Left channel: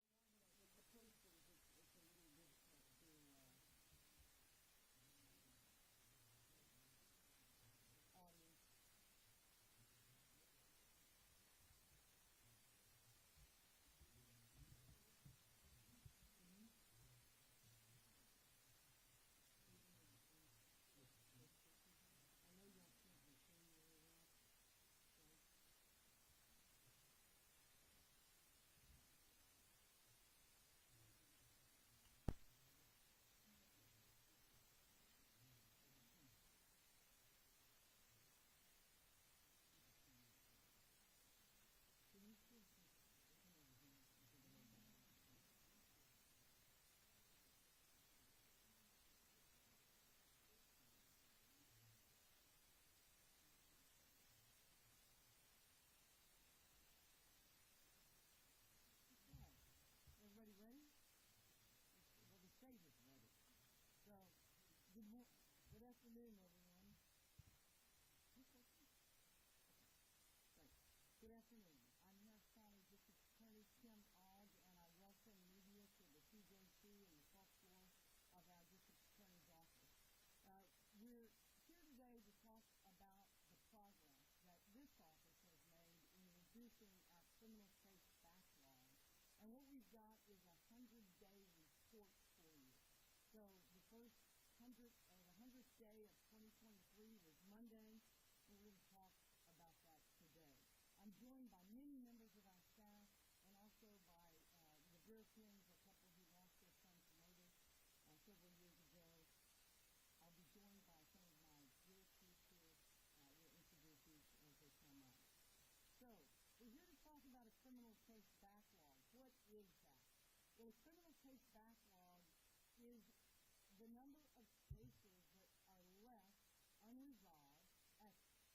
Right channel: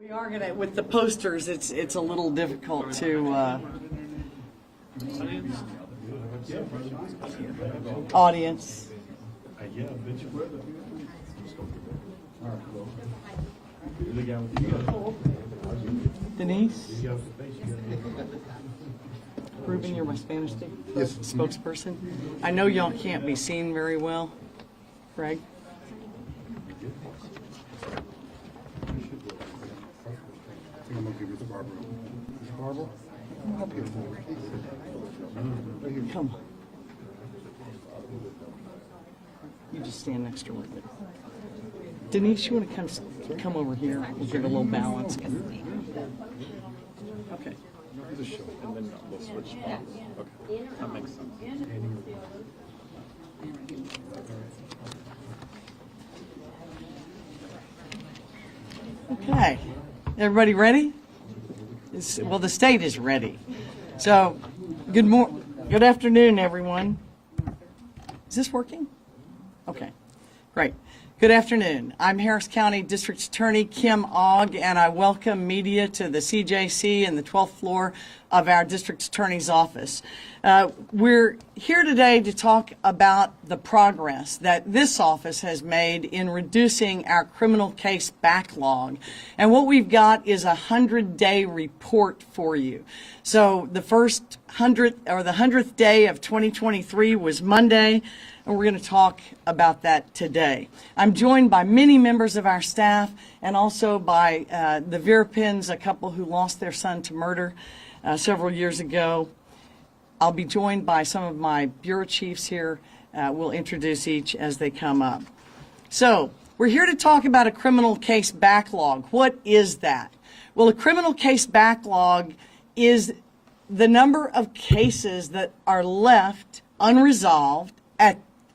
We are gonna, with the posters, it's a little difficult to, audience. Denise? Ruben, you're my Spanish spokesperson. I know y'all can't be seen very well. Greg? I'm gonna give it to Barbara. Barbara? Come on. You just stand next to her. Denise, you want to come over here? We'll give a little balance. Okay. The show, and then we'll switch. Okay, that makes sense. Okay. Everybody ready? Well, the state is ready. So, good afternoon, everyone. Is this working? Okay, great. Good afternoon. I'm Harris County District Attorney Kim Ogg, and I welcome media to the CJC and the 12th floor of our District Attorney's office. We're here today to talk about the progress that this office has made in reducing our criminal case backlog. And what we've got is a 100-day report for you. So the first 100th day of 2023 was Monday, and we're going to talk about that today. I'm joined by many members of our staff and also by the Virapins, a couple who lost their son to murder several years ago. I'll be joined by some of my bureau chiefs here. We'll introduce each as they come up. So we're here to talk about a criminal case backlog. What is that? Well, a criminal case backlog is the number of cases that are left unresolved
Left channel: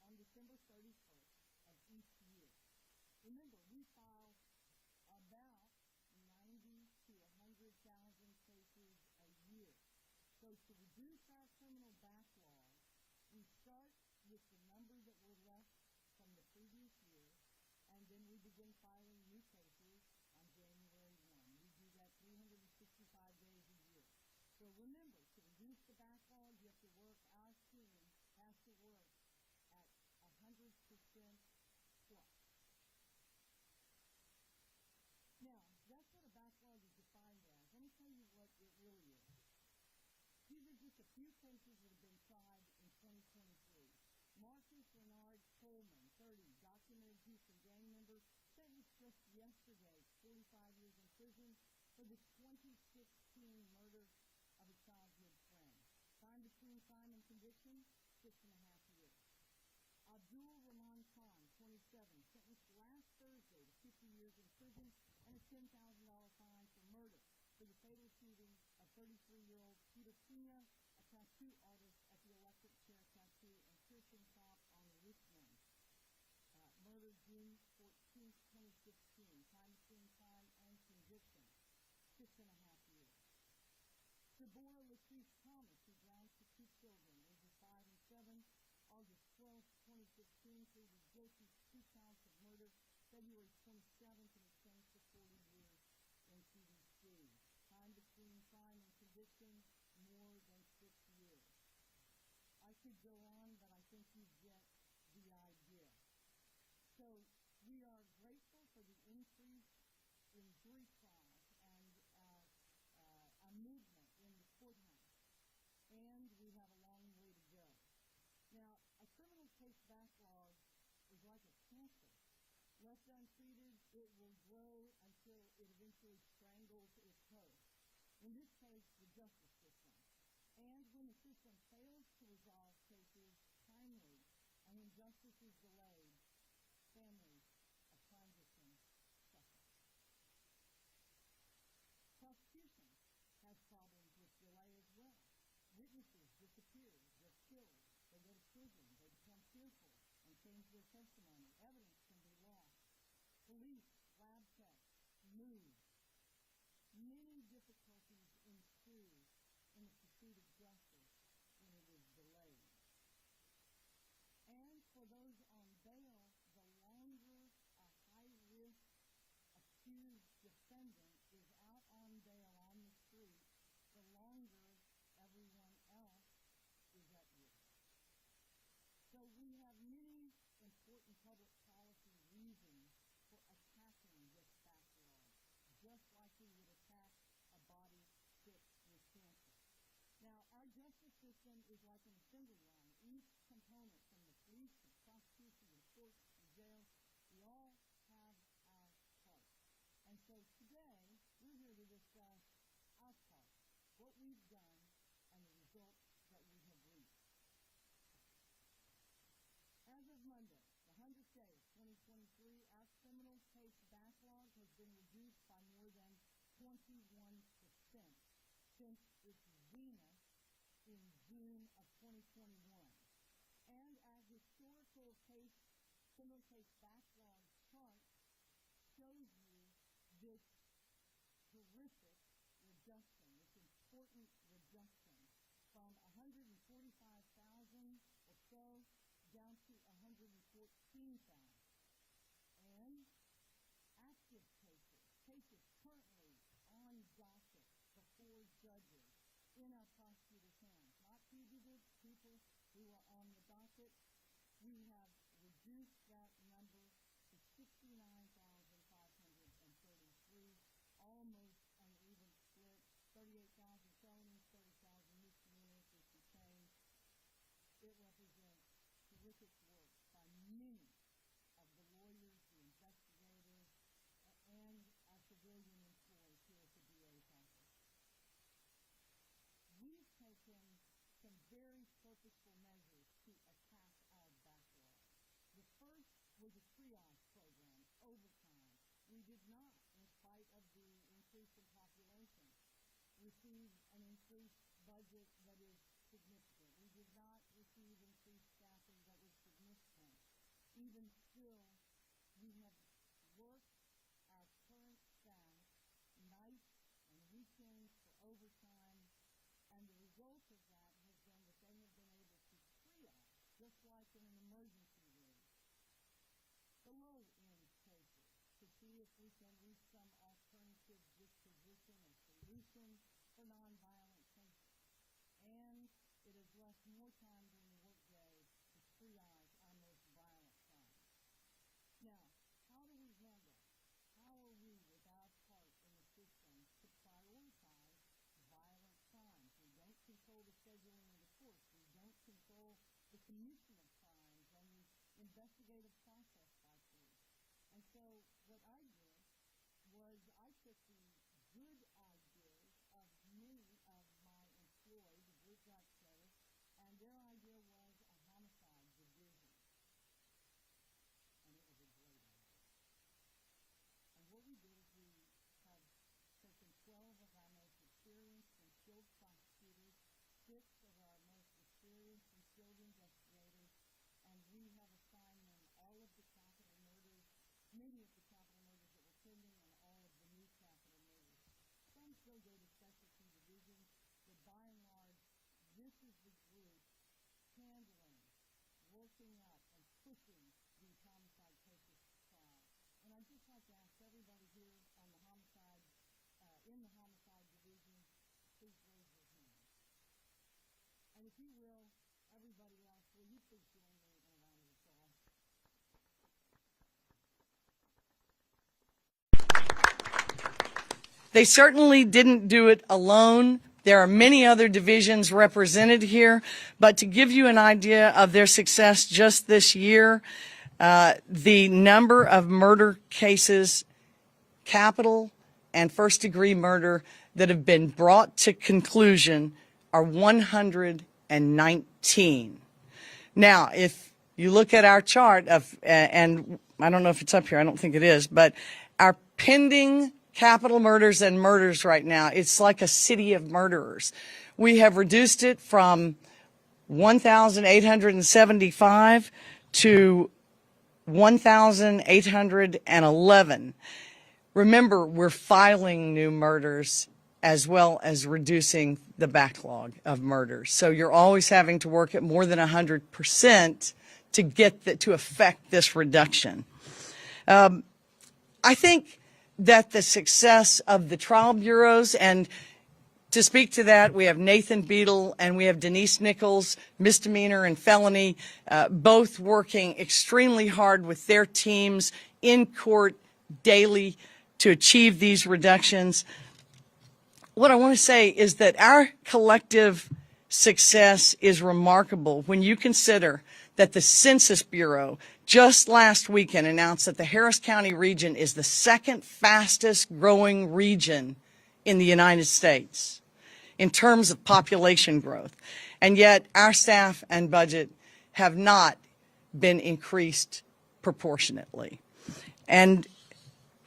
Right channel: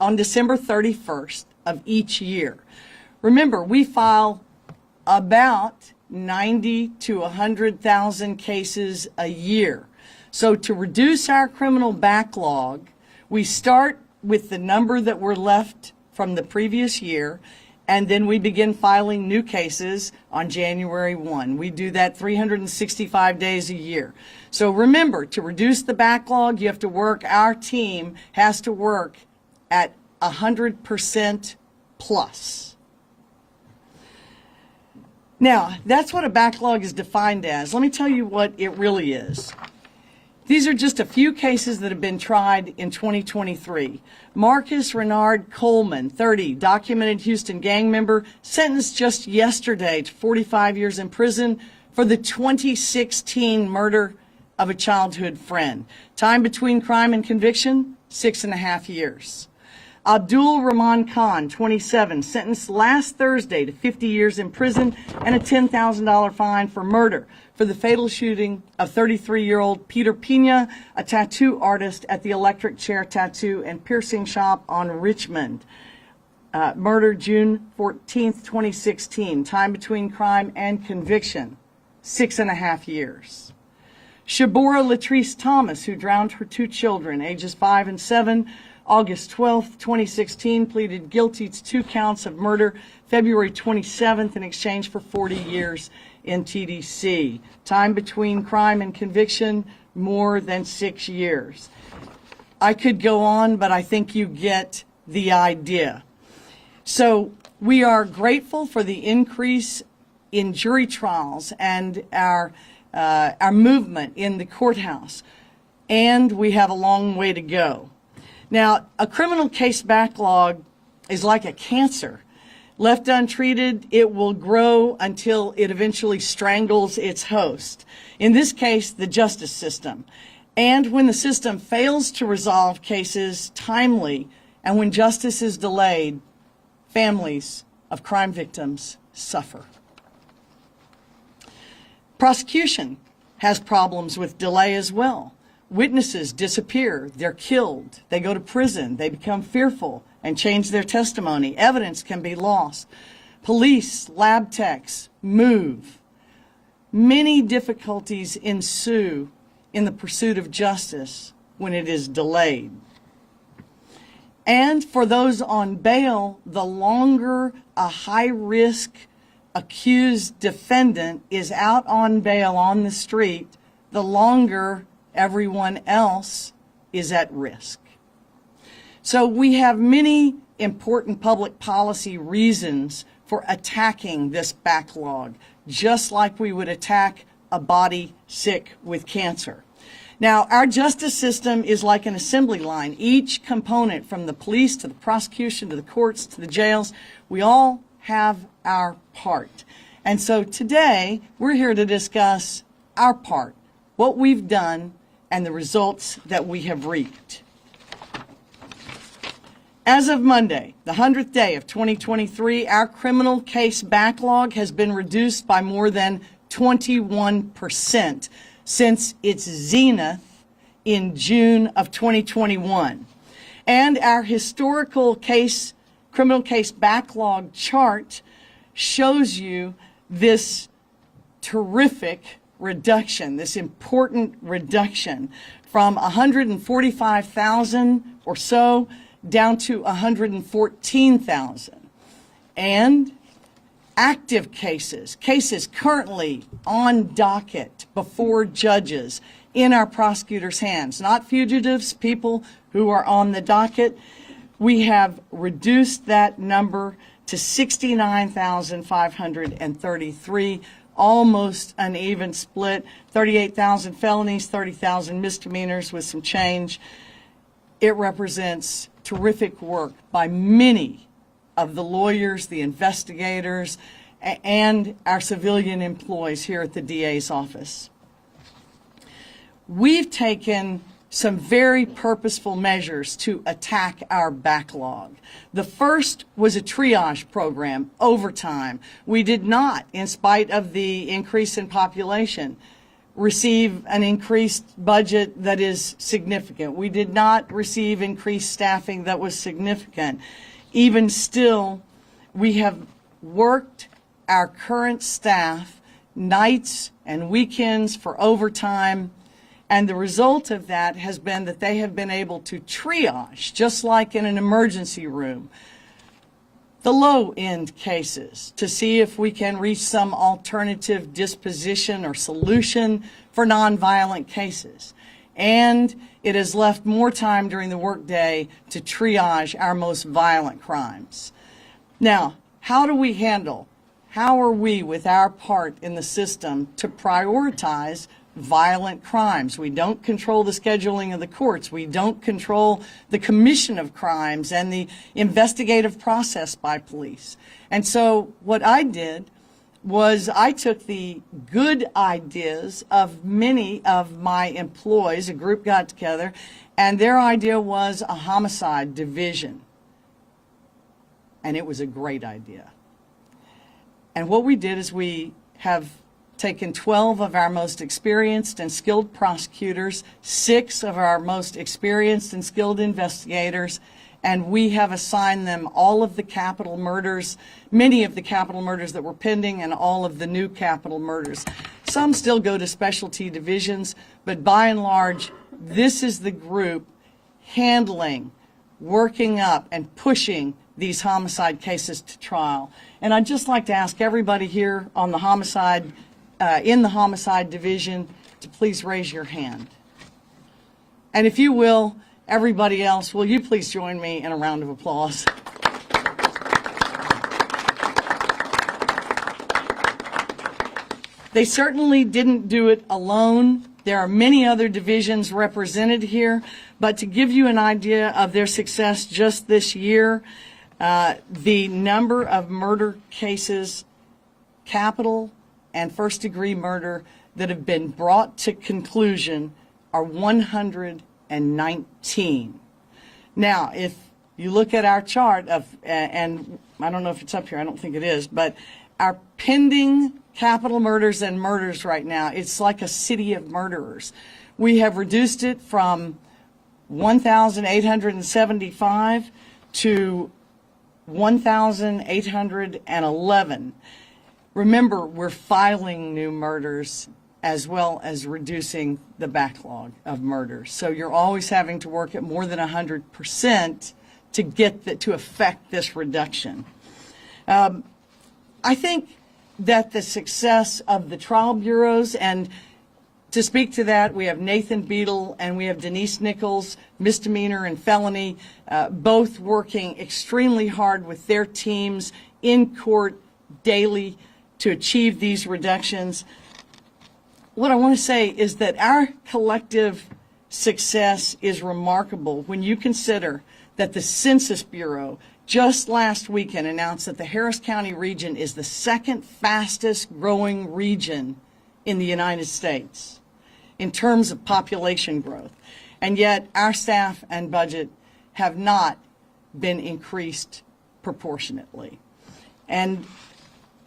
on December 31st of each year. Remember, we file about 90 to 100,000 cases a year. So to reduce our criminal backlog, we start with the number that were left from the previous year, and then we begin filing new cases on January 1. We do that 365 days a year. So remember, to reduce the backlog, you have to work, our team has to work at 100% plus. Now, that's what a backlog is defined as. Let me tell you what it really is. These are just a few cases that have been tried in 2023. Marcus Renard Coleman, 30, documented Houston gang member, sentenced just yesterday to 45 years in prison for the 2016 murder of a childhood friend. Time between crime and conviction, 6.5 years. Abdul Rahman Khan, 27, sentenced last Thursday to 50 years in prison and a $10,000 fine for murder for the fatal shooting of 33-year-old Peter Pina, a tattoo artist at the Electric Chair Tattoo and Piercing Shop on Richmond. Murder June 14th, 2016. Time between crime and conviction, 6.5 years. Shabora Latrice Thomas, who drowned her 2 children, ages 5 and 7, August 12th, 2016, pleaded guilty to 2 counts of murder February 27th in exchange for 40 years in TDC. Time between crime and conviction, more than 6 years. I could go on, but I think you get the idea. So we are grateful for the increase in jury trials and our movement in the courthouse, and we have a long way to go. Now, a criminal case backlog is like a cancer. Left untreated, it will grow until it eventually strangles its host. In this case, the justice system. And when the system fails to resolve cases timely, and when justice is delayed, families of crime victims suffer. Prosecution has problems with delay as well. Witnesses disappear, they're killed, they go to prison, they become fearful and change their testimony. Evidence can be lost. Police, lab techs move. Many difficulties ensue in the pursuit of justice when it is delayed. And for those on bail, the longer a high-risk accused defendant is out on bail on the street, the longer everyone else is at risk. So we have many important public policy reasons for attacking this backlog, just like we would attack a body sick with cancer. Now, our justice system is like an assembly line. Each component, from the police to the prosecution to the courts to the jails, we all have our part. And so today, we're here to discuss our part, what we've done, and the results that we have reaped. As of Monday, the 100th day of 2023, our criminal case backlog has been reduced by more than 21% since its zenith in June of 2021. And our historical criminal case backlog chart shows you this terrific reduction, this important reduction from 145,000 or so down to 114,000. And active cases currently on docket before judges in our prosecutors' hands, not fugitives, people who are on the docket. We have reduced that number to 69,533, almost an even split, 38,000 felonies, 30,000 misdemeanors with some change. It represents terrific work by many of the lawyers, the investigators, and our civilian employees here at the DA's office. We've taken some very purposeful measures to attack our backlog. The first was a triage program, overtime. We did not, in spite of the increase in population, receive an increased budget that is significant. We did not receive increased staffing that was significant. Even still, we have worked our current staff nights and weekends for overtime, and the result of that has been that they have been able to triage, just like in an emergency room, the low-end cases to see if we can reach some alternative disposition or solution for nonviolent cases. And it has left more time during the workday to triage our most violent crimes. Now, how are we with our part in the system to prioritize violent crimes? We don't control the scheduling of the courts. We don't control the commission of crimes and the investigative process by police. And so what I did was I took the good ideas of many of my employees, a group got together, and their idea was a homicide division. And it was a great idea. And what we did is we have taken 12 of our most experienced and skilled prosecutors, 6 of our most experienced and skilled investigators, and we have assigned them all of the capital murders, many of the capital murders that were pending, and all of the new capital murders. Some still go to specialty divisions, but by and large, this is the group handling, working up, and pushing these homicide cases to trial. And I'd just like to ask everybody here on the homicide, in the homicide division, to please raise your hand. And if you will, everybody else, will you please join me in a round of applause? They certainly didn't do it alone. There are many other divisions represented here, but to give you an idea of their success just this year, the number of murder cases, capital and first-degree murder, that have been brought to conclusion are 119. Now, if you look at our chart of, and I don't know if it's up here, I don't think it is, but our pending capital murders and murders right now, it's like a city of murderers. We have reduced it from 1,875 to 1,811. Remember, we're filing new murders as well as reducing the backlog of murders. So you're always having to work at more than 100% to get to affect this reduction. I think that the success of the trial bureaus, and to speak to that, we have Nathan Beadle and we have Denise Nichols, misdemeanor and felony, both working extremely hard with their teams in court daily to achieve these reductions. What I want to say is that our collective success is remarkable when you consider that the Census Bureau just last weekend announced that the Harris County region is the second fastest growing region in the United States in terms of population growth. And yet our staff and budget have not been increased proportionately. And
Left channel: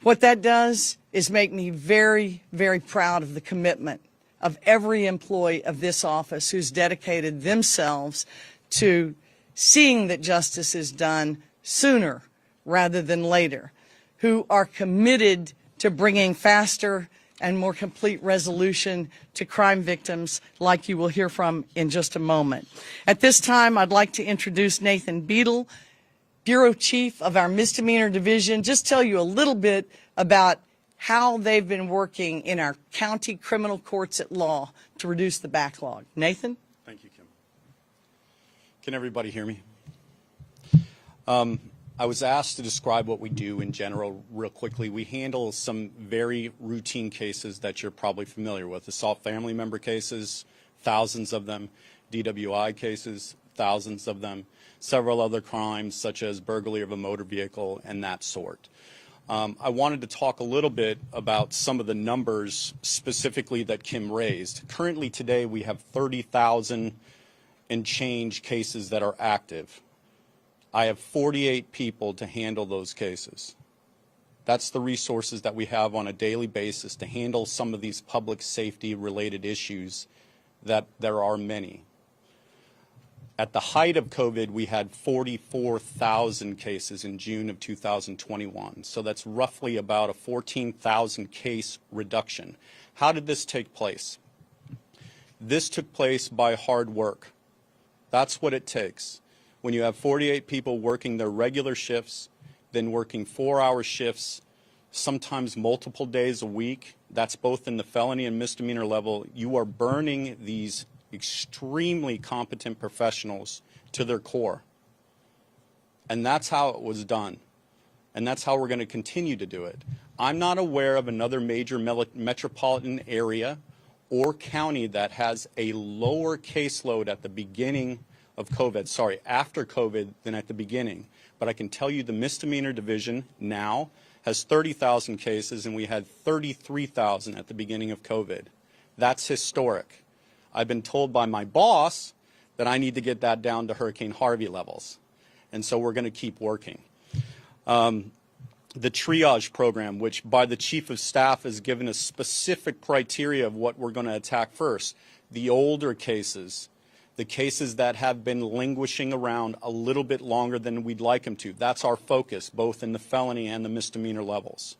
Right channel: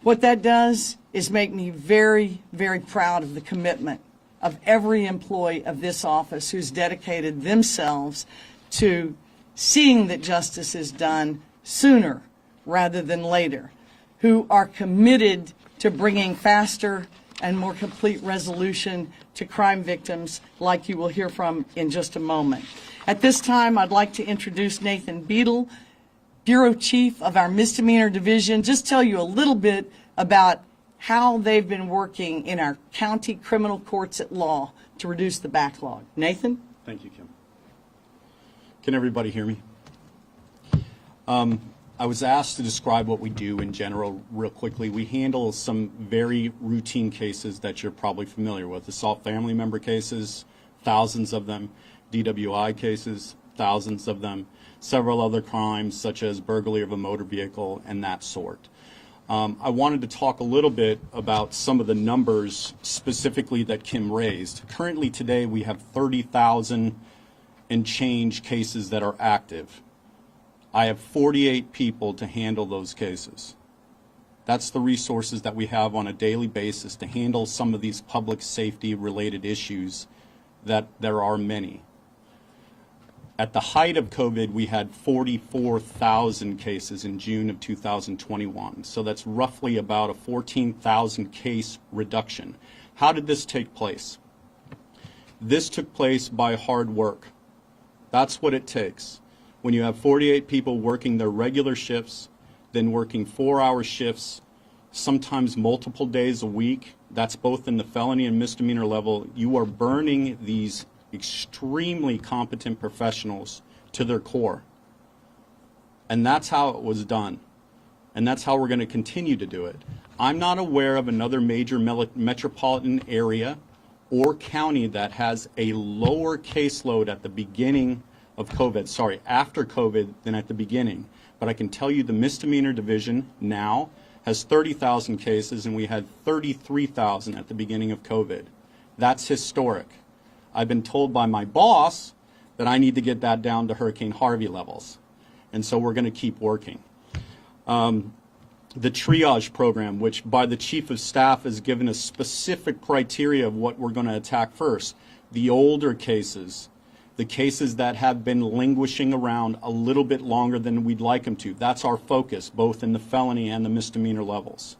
what that does is make me very, very proud of the commitment of every employee of this office who's dedicated themselves to seeing that justice is done sooner rather than later, who are committed to bringing faster and more complete resolution to crime victims like you will hear from in just a moment. At this time, I'd like to introduce Nathan Beadle, Bureau Chief of our Misdemeanor Division, just tell you a little bit about how they've been working in our county criminal courts at law to reduce the backlog. Nathan? Thank you, Kim. Can everybody hear me? I was asked to describe what we do in general real quickly. We handle some very routine cases that you're probably familiar with. Assault family member cases, thousands of them. DWI cases, thousands of them. Several other crimes such as burglary of a motor vehicle and that sort. I wanted to talk a little bit about some of the numbers specifically that Kim raised. Currently today we have 30,000 and change cases that are active. I have 48 people to handle those cases. That's the resources that we have on a daily basis to handle some of these public safety related issues that there are many. At the height of COVID, we had 44,000 cases in June of 2021. So that's roughly about a 14,000 case reduction. How did this take place? This took place by hard work. That's what it takes. When you have 48 people working their regular shifts, then working 4-hour shifts, sometimes multiple days a week, that's both in the felony and misdemeanor level, you are burning these extremely competent professionals to their core. And that's how it was done. And that's how we're going to continue to do it. I'm not aware of another major metropolitan area or county that has a lower caseload at the beginning of COVID, after COVID than at the beginning. But I can tell you the misdemeanor division now has 30,000 cases and we had 33,000 at the beginning of COVID. That's historic. I've been told by my boss that I need to get that down to Hurricane Harvey levels. And so we're going to keep working. The triage program, which by the Chief of Staff has given us specific criteria of what we're going to attack first. The older cases, the cases that have been languishing around a little bit longer than we'd like them to. That's our focus, both in the felony and the misdemeanor levels.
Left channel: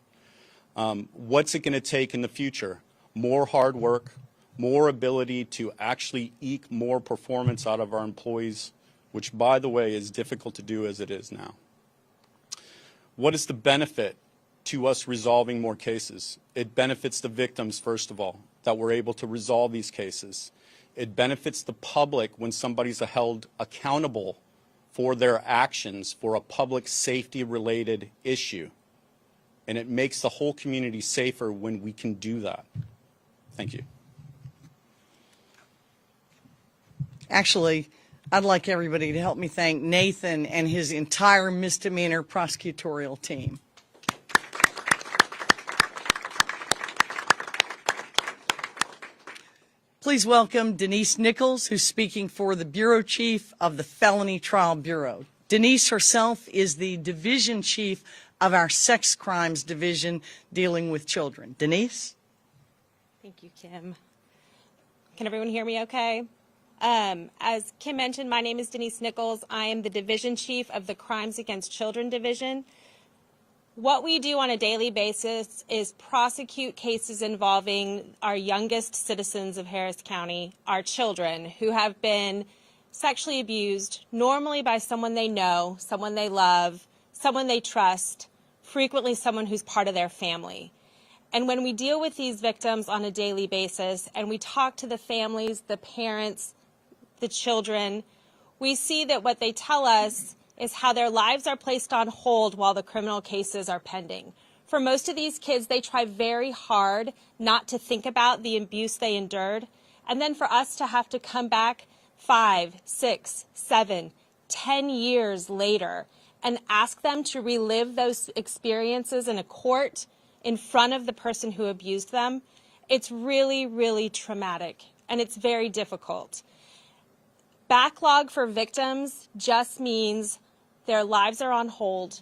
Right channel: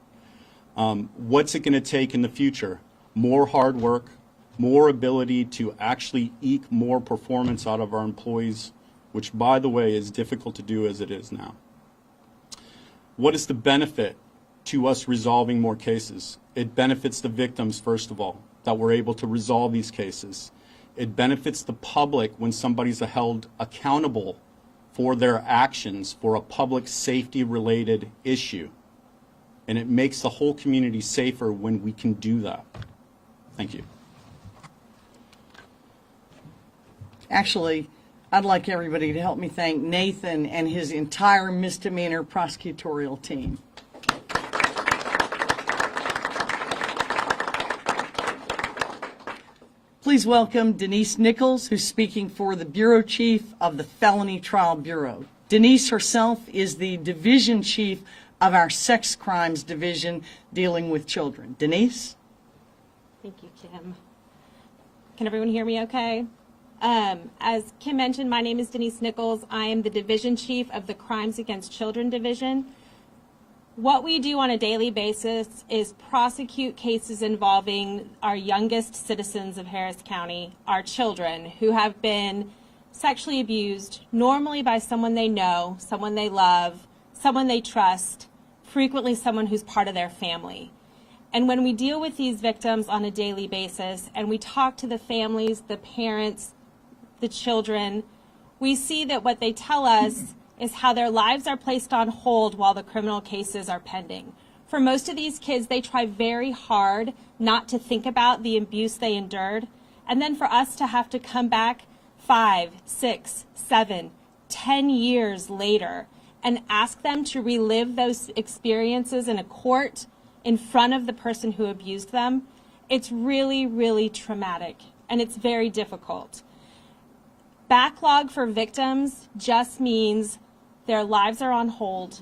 What's it going to take in the future? More hard work, more ability to actually eke more performance out of our employees, which, by the way, is difficult to do as it is now. What is the benefit to us resolving more cases? It benefits the victims, first of all, that we're able to resolve these cases. It benefits the public when somebody's held accountable for their actions for a public safety related issue. And it makes the whole community safer when we can do that. Thank you. Actually, I'd like everybody to help me thank Nathan and his entire misdemeanor prosecutorial team. Please welcome Denise Nichols, who's speaking for the Bureau Chief of the Felony Trial Bureau. Denise herself is the Division Chief of our Sex Crimes Division dealing with children. Denise? Thank you, Kim. Can everyone hear me okay? As Kim mentioned, my name is Denise Nichols. I am the Division Chief of the Crimes Against Children Division. What we do on a daily basis is prosecute cases involving our youngest citizens of Harris County, our children, who have been sexually abused, normally by someone they know, someone they love, someone they trust, frequently someone who's part of their family. And when we deal with these victims on a daily basis and we talk to the families, the parents, the children, we see that what they tell us is how their lives are placed on hold while the criminal cases are pending. For most of these kids, they try very hard not to think about the abuse they endured. And then for us to have to come back 5, 6, 7, 10 years later and ask them to relive those experiences in a court in front of the person who abused them, it's really, really traumatic, and it's very difficult. Backlog for victims just means their lives are on hold.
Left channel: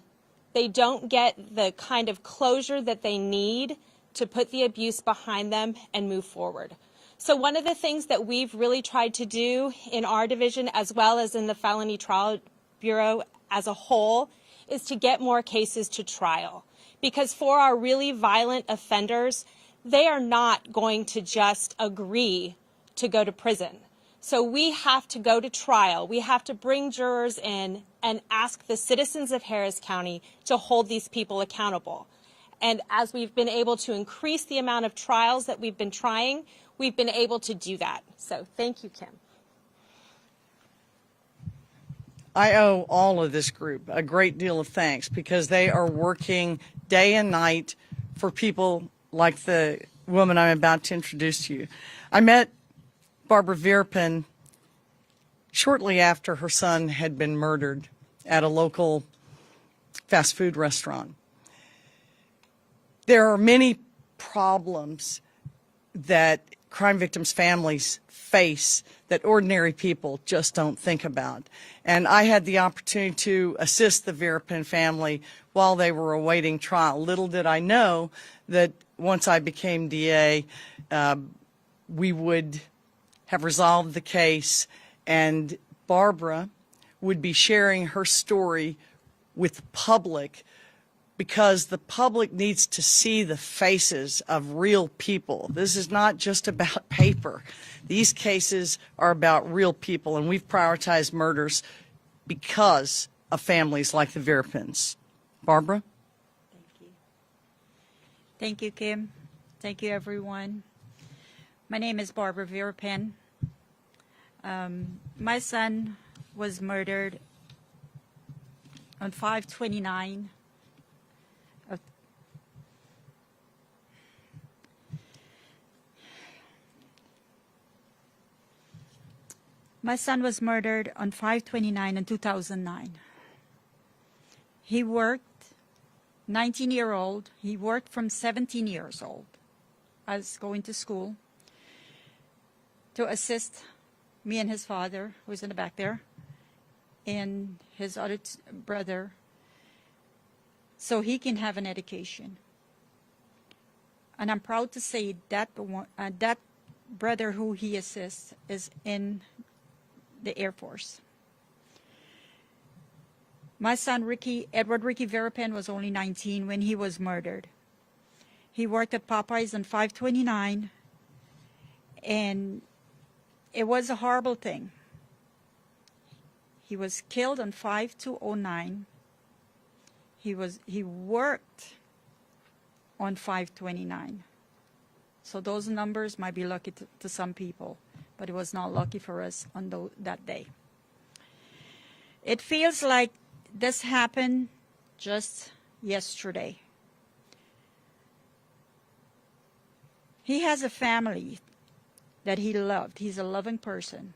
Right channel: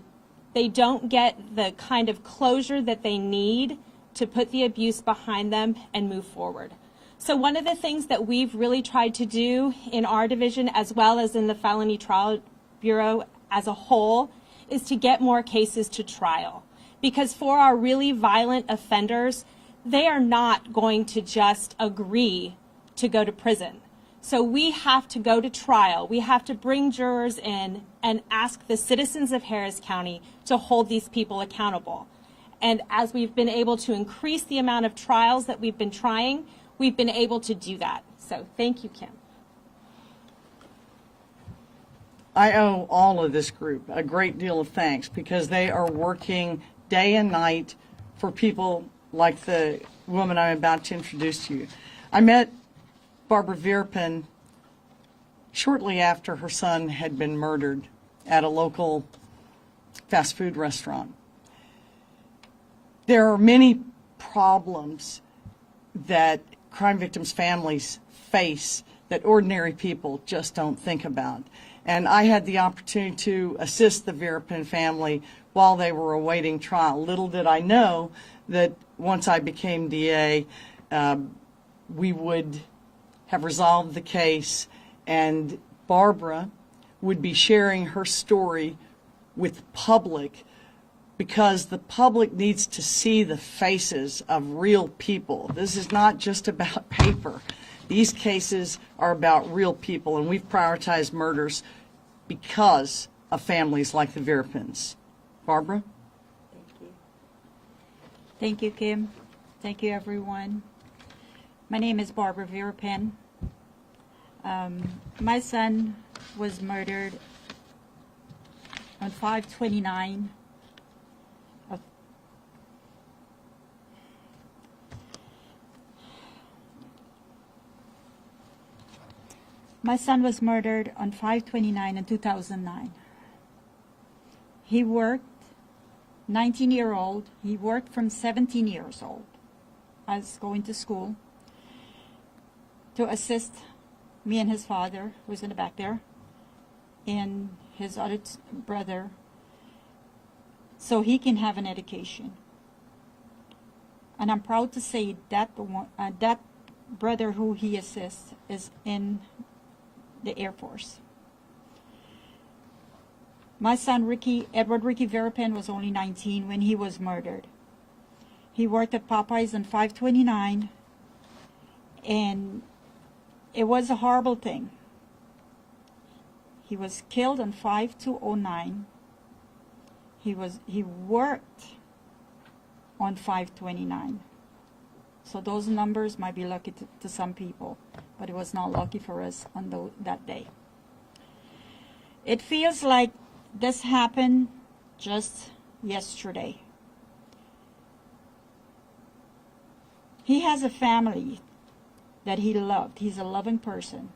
They don't get the kind of closure that they need to put the abuse behind them and move forward. So one of the things that we've really tried to do in our division, as well as in the Felony Trial Bureau as a whole, is to get more cases to trial. Because for our really violent offenders, they are not going to just agree to go to prison. So we have to go to trial. We have to bring jurors in and ask the citizens of Harris County to hold these people accountable. And as we've been able to increase the amount of trials that we've been trying, we've been able to do that. So thank you, Kim. I owe all of this group a great deal of thanks because they are working day and night for people like the woman I'm about to introduce to you. I met Barbara Vierpen shortly after her son had been murdered at a local fast food restaurant. There are many problems that crime victims' families face that ordinary people just don't think about. And I had the opportunity to assist the Vierpen family while they were awaiting trial. Little did I know that once I became DA, we would have resolved the case, and Barbara would be sharing her story with the public because the public needs to see the faces of real people. This is not just about paper. These cases are about real people, and we've prioritized murders because of families like the Vierpens. Barbara? Thank you. Thank you, Kim. Thank you, everyone. My name is Barbara Vierpen. My son was murdered on 5/29. My son was murdered on 5/29 in 2009. He worked, 19-year-old, he worked from 17 years old. I was going to school to assist me and his father, who was in the back there, and his other brother, so he can have an education. And I'm proud to say that that brother who he assists is in the Air Force. My son, Edward Ricky Vierpen, was only 19 when he was murdered. He worked at Popeyes on 5/29, and it was a horrible thing. He was killed on 5/2/09. He worked on 5/29. So those numbers might be lucky to some people, but it was not lucky for us on that day. It feels like this happened just yesterday. He has a family that he loved. He's a loving person.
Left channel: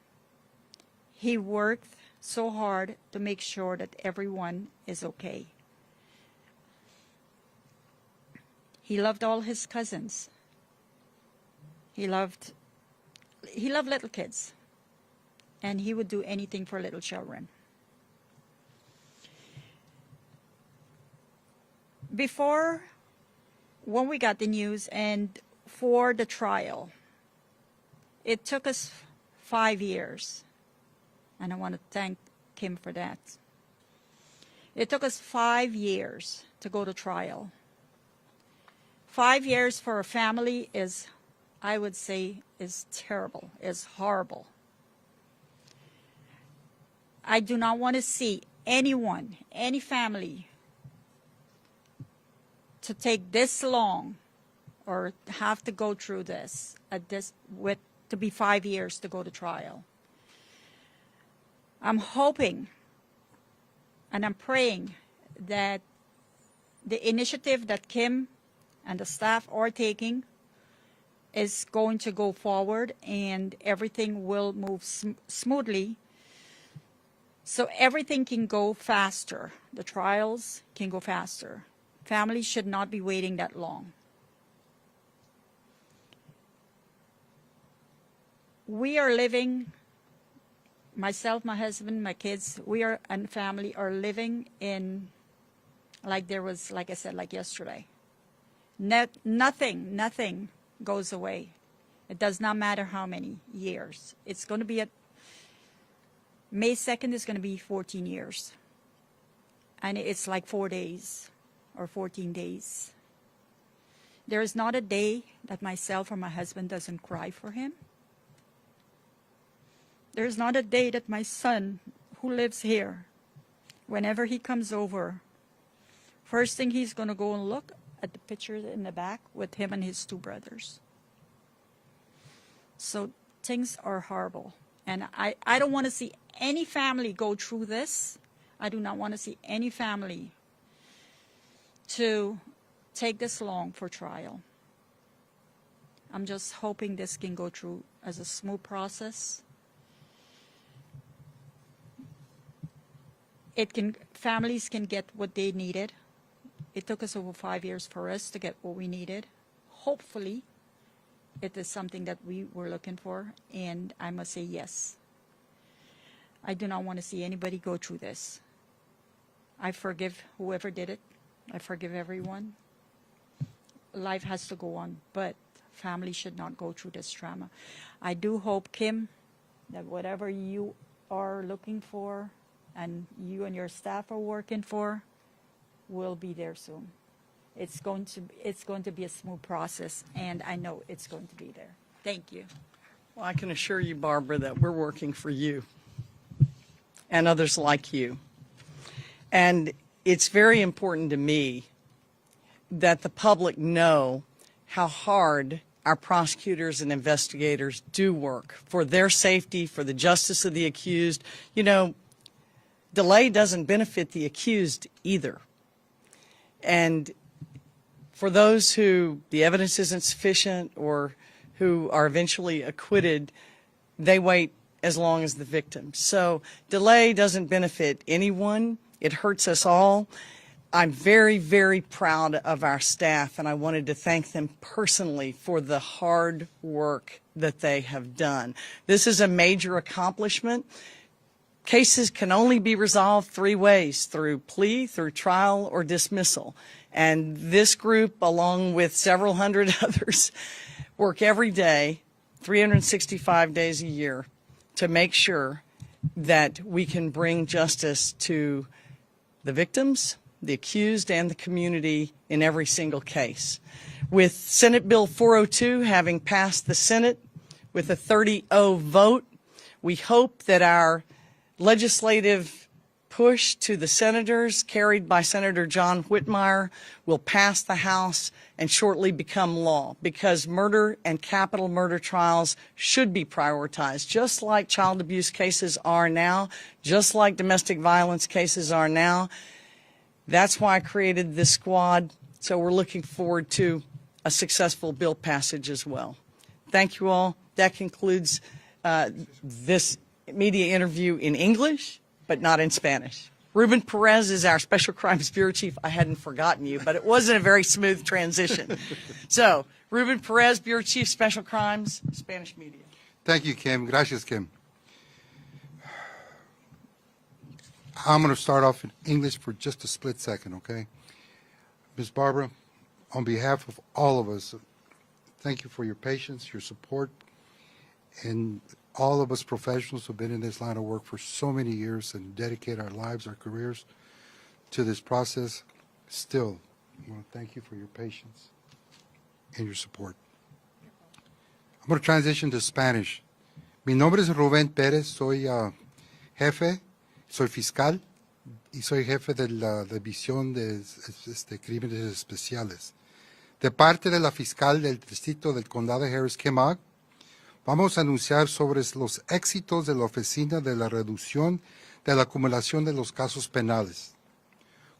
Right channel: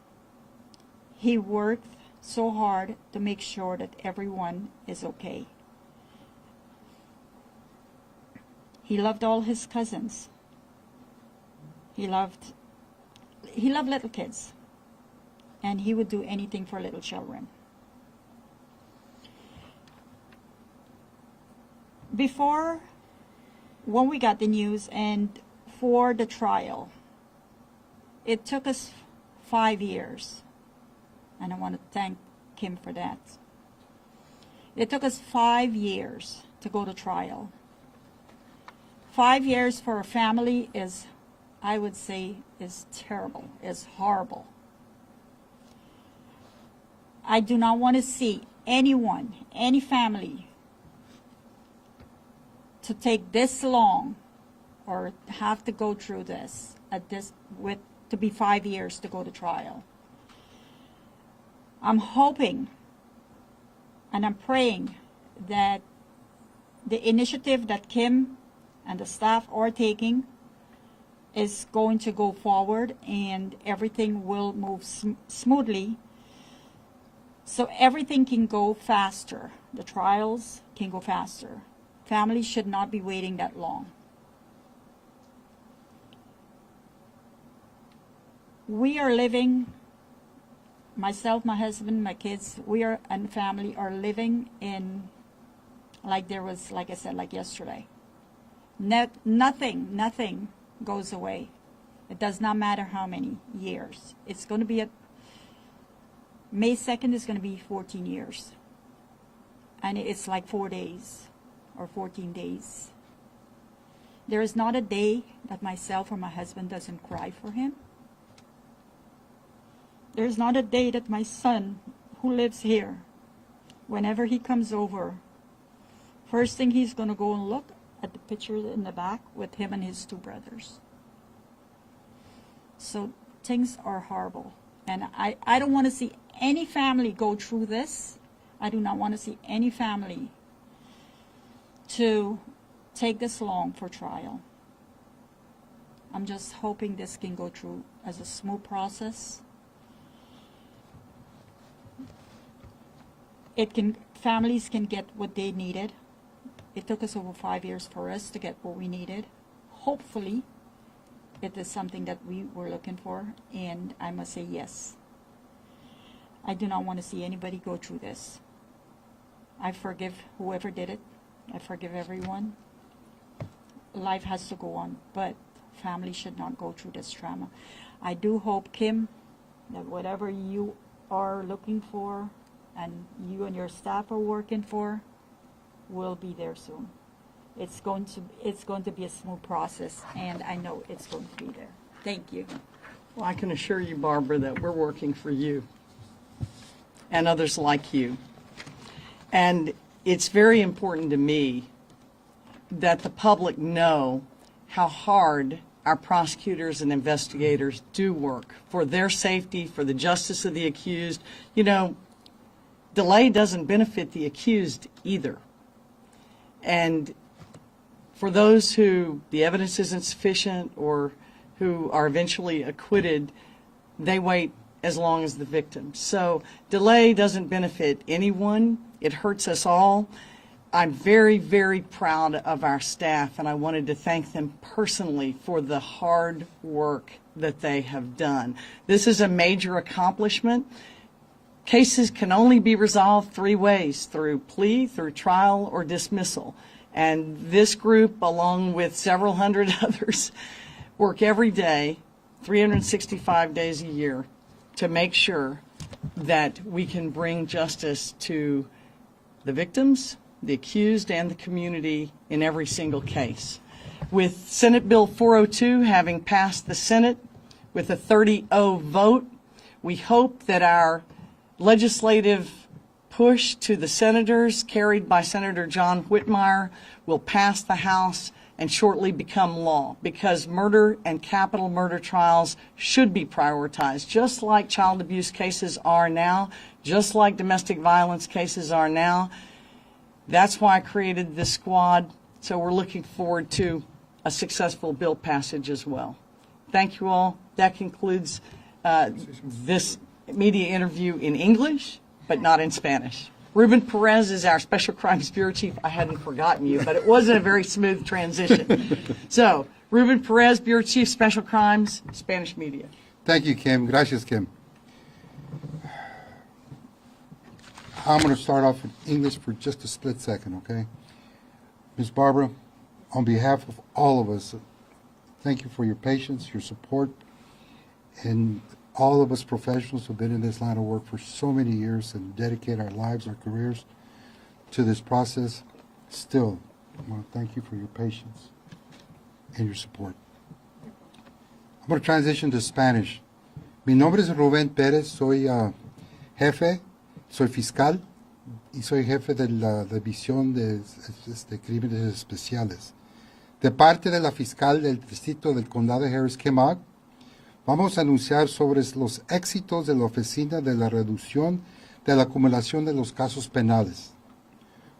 He worked so hard to make sure that everyone is okay. He loved all his cousins. He loved little kids, and he would do anything for little children. When we got the news and for the trial, it took us 5 years, and I want to thank Kim for that. It took us 5 years to go to trial. 5 years for a family is, I would say, is terrible, is horrible. I do not want to see anyone, any family, to take this long or have to go through this to be 5 years to go to trial. I'm hoping and I'm praying that the initiative that Kim and the staff are taking is going to go forward and everything will move smoothly, so everything can go faster. The trials can go faster. Families should not be waiting that long. We are living, myself, my husband, my kids, and family are living in, like I said, like yesterday. Nothing goes away. It does not matter how many years. It's going to be May 2nd is going to be 14 years. And it's like 4 days or 14 days. There is not a day that myself or my husband doesn't cry for him. There's not a day that my son, who lives here, whenever he comes over, first thing he's going to go and look at the picture in the back with him and his two brothers. So things are horrible. And I don't want to see any family go through this. I do not want to see any family to take this long for trial. I'm just hoping this can go through as a smooth process. Families can get what they needed. It took us over 5 years for us to get what we needed. Hopefully, it is something that we were looking for, and I must say yes. I do not want to see anybody go through this. I forgive whoever did it. I forgive everyone. Life has to go on, but families should not go through this trauma. I do hope, Kim, that whatever you are looking for and you and your staff are working for will be there soon. It's going to be a smooth process, and I know it's going to be there. Thank you. Well, I can assure you, Barbara, that we're working for you and others like you. And it's very important to me that the public know how hard our prosecutors and investigators do work for their safety, for the justice of the accused. You know, delay doesn't benefit the accused either. And for those who the evidence isn't sufficient or who are eventually acquitted, they wait as long as the victim. So delay doesn't benefit anyone. It hurts us all. I'm very, very proud of our staff, and I wanted to thank them personally for the hard work that they have done. This is a major accomplishment. Cases can only be resolved 3 ways: through plea, through trial, or dismissal. And this group, along with several hundred others, work every day, 365 days a year, to make sure that we can bring justice to the victims, the accused, and the community in every single case. With Senate Bill 402 having passed the Senate with a 30-0 vote, we hope that our legislative push to the senators, carried by Senator John Whitmire, will pass the House and shortly become law, because murder and capital murder trials should be prioritized, just like child abuse cases are now, just like domestic violence cases are now. That's why I created this squad, so we're looking forward to a successful bill passage as well. Thank you all. That concludes this media interview in English, but not in Spanish. Ruben Perez is our Special Crimes Bureau Chief. I hadn't forgotten you, but it wasn't a very smooth transition. So, Ruben Perez, Bureau Chief, Special Crimes, Spanish Media. Thank you, Kim. Gracias, Kim. I'm going to start off in English for just a split second, okay? Ms. Barbara, on behalf of all of us, thank you for your patience, your support, and all of us professionals who have been in this line of work for so many years and dedicate our lives, our careers to this process. Still, I want to thank you for your patience and your support. I'm going to transition to Spanish. Mi nombre es Rubén Pérez, soy jefe, soy fiscal y soy jefe de la División de Crímenes Especiales. De parte de la fiscal del distrito del condado de Harris, KHOU, vamos a anunciar sobre los éxitos de la Oficina de la Reducción de la Acumulación de los Casos Penales.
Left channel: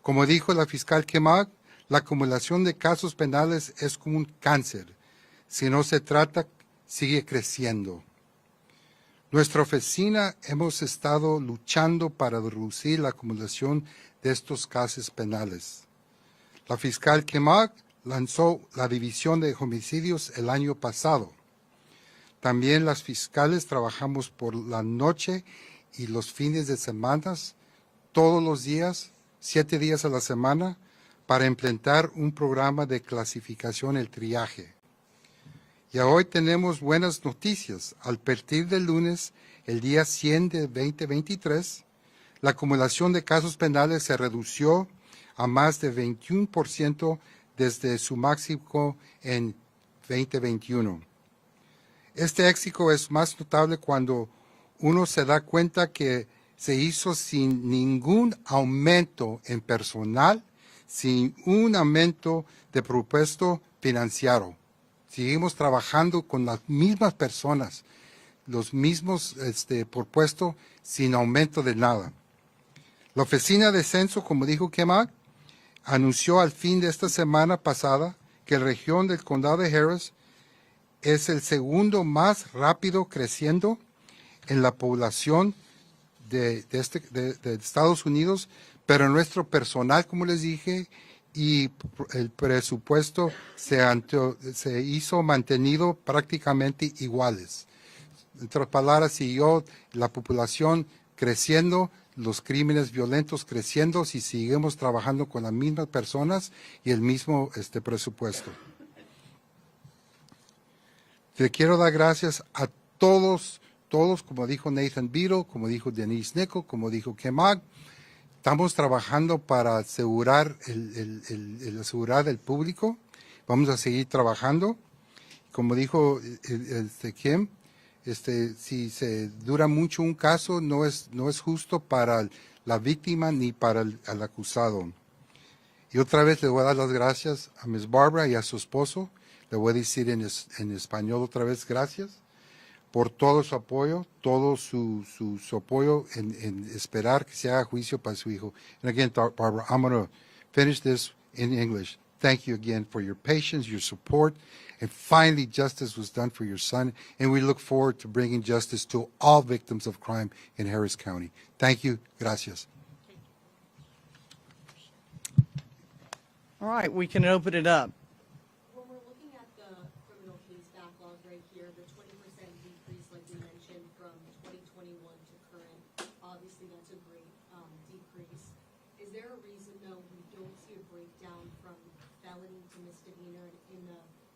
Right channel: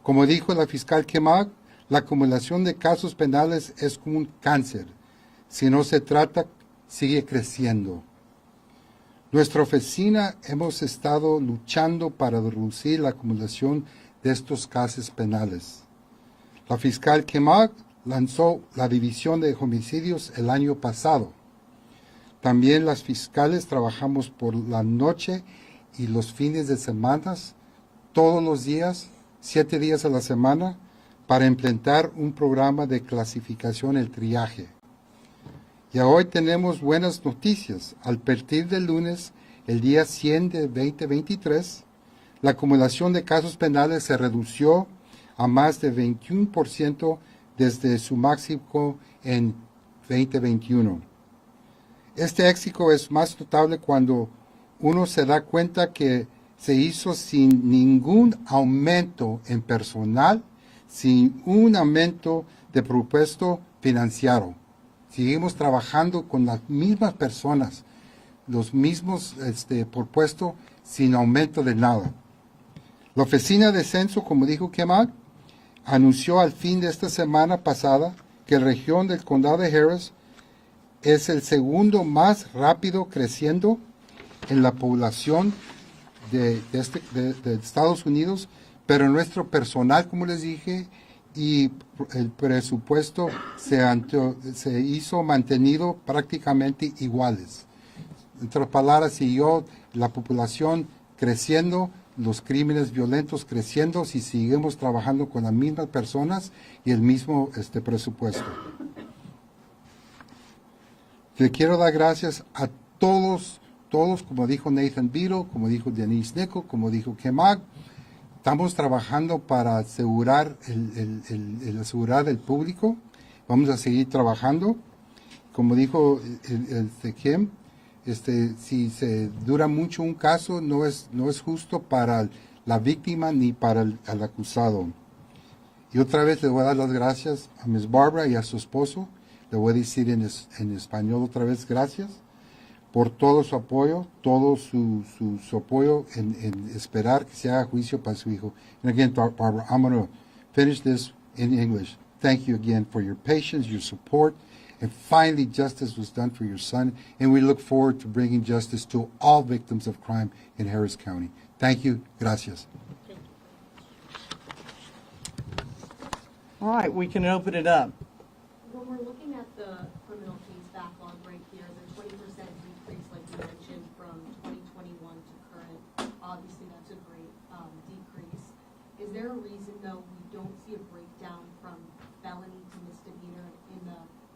Como dijo la fiscal KHOU, la acumulación de casos penales es como un cáncer. Si no se trata, sigue creciendo. Nuestra oficina hemos estado luchando para reducir la acumulación de estos casos penales. La fiscal KHOU lanzó la División de Homicidios el año pasado. También las fiscales trabajamos por la noche y los fines de semana, todos los días, 7 días a la semana, para implementar un programa de clasificación, el triaje. Y hoy tenemos buenas noticias. Al partir del lunes, el día 100 de 2023, la acumulación de casos penales se redució a más de 21% desde su máximo en 2021. Este éxito es más notable cuando uno se da cuenta que se hizo sin ningún aumento en personal, sin un aumento de presupuesto financiero. Seguimos trabajando con las mismas personas, los mismos por puesto, sin aumento de nada. La Oficina de Censo, como dijo KHOU, anunció al fin de esta semana pasada que la región del condado de Harris es el segundo más rápido creciendo en la población de Estados Unidos, pero nuestro personal, como les dije, y el presupuesto se hizo mantenido prácticamente iguales. En otras palabras, siguió la población creciendo, los crímenes violentos creciendo, si seguimos trabajando con las mismas personas y el mismo presupuesto. Le quiero dar gracias a todos, como dijo Nathan Beadle, como dijo Denise Nichol, como dijo KHOU. Estamos trabajando para asegurar asegurar el público. Vamos a seguir trabajando. Como dijo Kim, si se dura mucho un caso, no es justo para la víctima ni para el acusado. Y otra vez le voy a dar las gracias a Ms. Barbara y a su esposo. Le voy a decir en español otra vez gracias por todo su apoyo, todo su apoyo en esperar que se haga juicio para su hijo. And again, Barbara, I'm going to finish this in English. Thank you again for your patience, your support, and finally justice was done for your son, and we look forward to bringing justice to all victims of crime in Harris County. Thank you. Gracias. All right, we can open it up. When we're looking at the criminal case backlog right here, the 20% decrease, like you mentioned, from 2021 to current, obviously that's a great decrease. Is there a reason, though, we don't see a breakdown from felony to misdemeanor in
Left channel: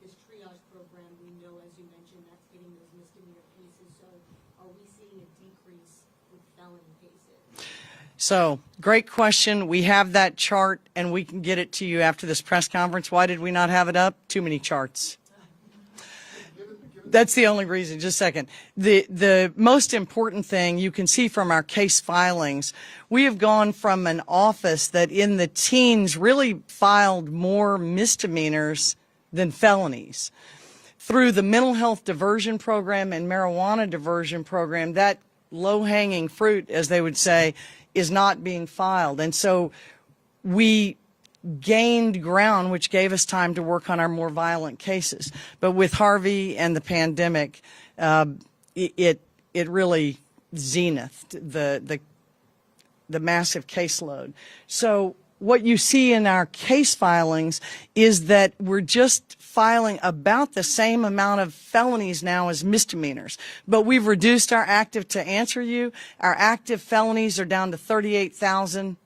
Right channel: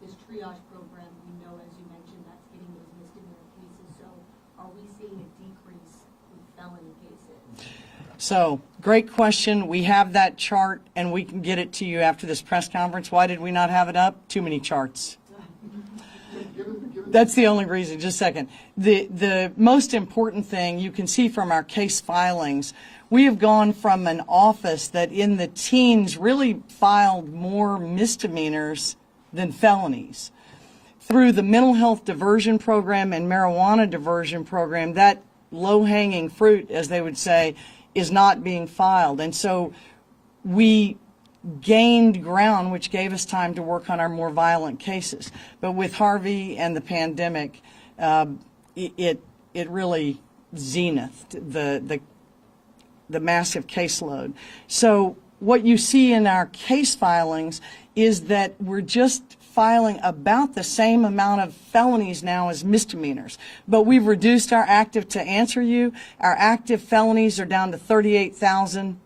this triage program? We know, as you mentioned, that's getting those misdemeanor cases. So are we seeing a decrease with felony cases? So, great question. We have that chart, and we can get it to you after this press conference. Why did we not have it up? Too many charts. That's the only reason. Just a second. The most important thing you can see from our case filings, we have gone from an office that in the teens really filed more misdemeanors than felonies. Through the mental health diversion program and marijuana diversion program, that low-hanging fruit, as they would say, is not being filed. And so we gained ground, which gave us time to work on our more violent cases. But with Harvey and the pandemic, it really zenithed the massive caseload. So what you see in our case filings is that we're just filing about the same amount of felonies now as misdemeanors. But we've reduced our active, to answer you, our active felonies are down to 38,000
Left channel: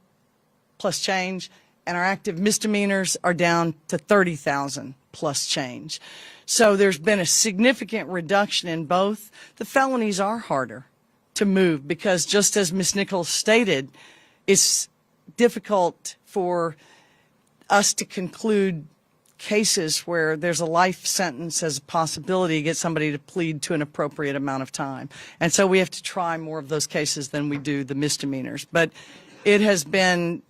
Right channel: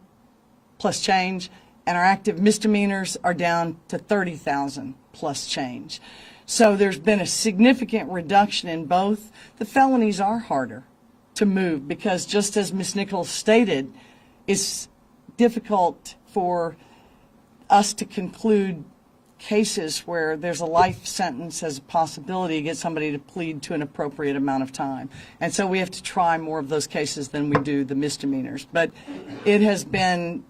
plus change, and our active misdemeanors are down to 30,000 plus change. So there's been a significant reduction in both. The felonies are harder to move because, just as Ms. Nichols stated, it's difficult for us to conclude cases where there's a life sentence as a possibility to get somebody to plead to an appropriate amount of time. And so we have to try more of those cases than we do the misdemeanors. But it has been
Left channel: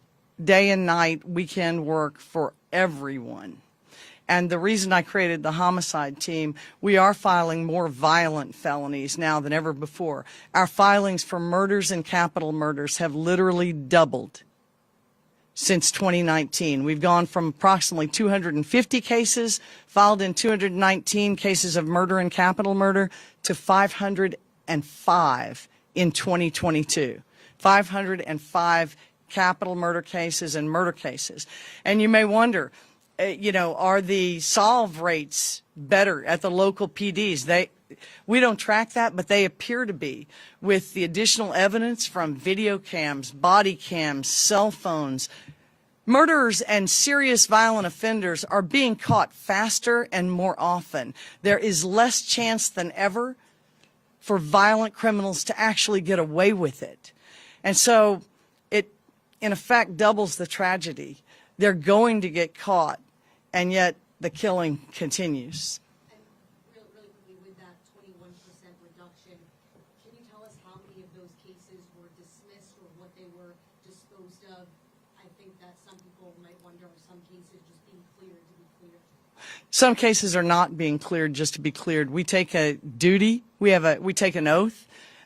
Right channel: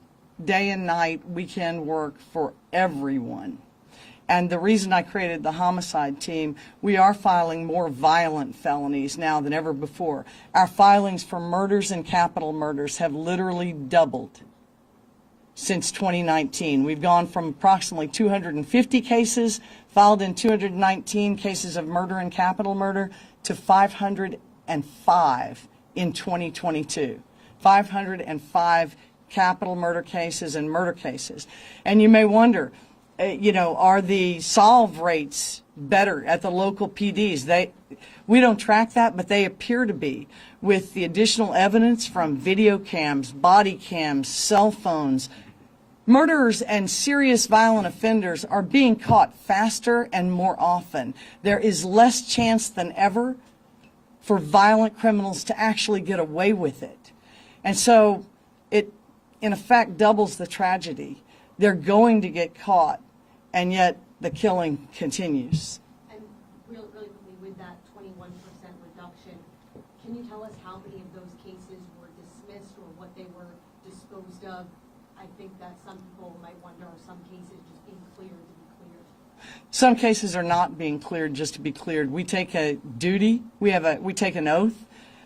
day and night, weekend work for everyone. And the reason I created the homicide team, we are filing more violent felonies now than ever before. Our filings for murders and capital murders have literally doubled since 2019. We've gone from approximately 250 cases filed in 219 cases of murder and capital murder to 505 in 2022. 505 capital murder cases and murder cases. And you may wonder, are the solve rates better at the local PDs? We don't track that, but they appear to be, with the additional evidence from video cams, body cams, cell phones. Murderers and serious violent offenders are being caught faster and more often. There is less chance than ever for violent criminals to actually get away with it. And so it, in effect, doubles the tragedy. They're going to get caught, and yet the killing continues. And really quickly, with that 21% reduction, can you tell us how many of those cases were dismissed or what they were disposed of? I think that some people might wonder, are some cases just being cleared to be cleared? Some cases are not being cleared just to be cleared. We take a duty, we take an oath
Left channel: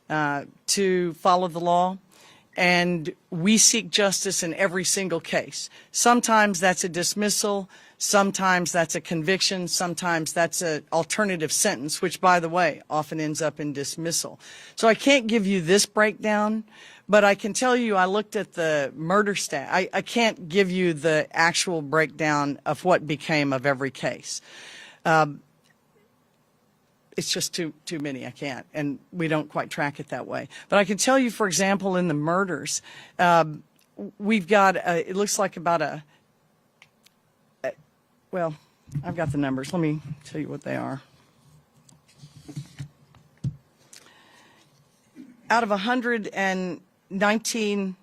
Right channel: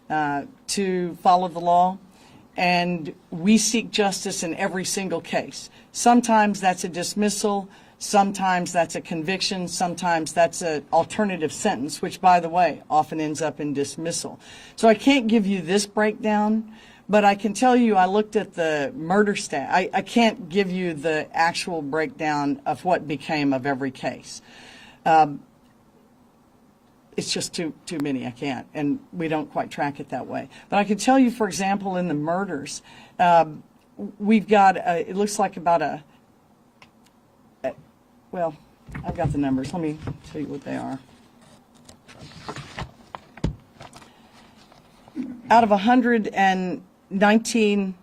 to follow the law, and we seek justice in every single case. Sometimes that's a dismissal, sometimes that's a conviction, sometimes that's an alternative sentence, which, by the way, often ends up in dismissal. So I can't give you this breakdown, but I can tell you I looked at the murder stat. I can't give you the actual breakdown of what became of every case. It's just too many. I can't, and we don't quite track it that way. But I can tell you, for example, in the murders, we've got, it looks like about well, I've got the numbers. Let me tell you what they are. Out of 119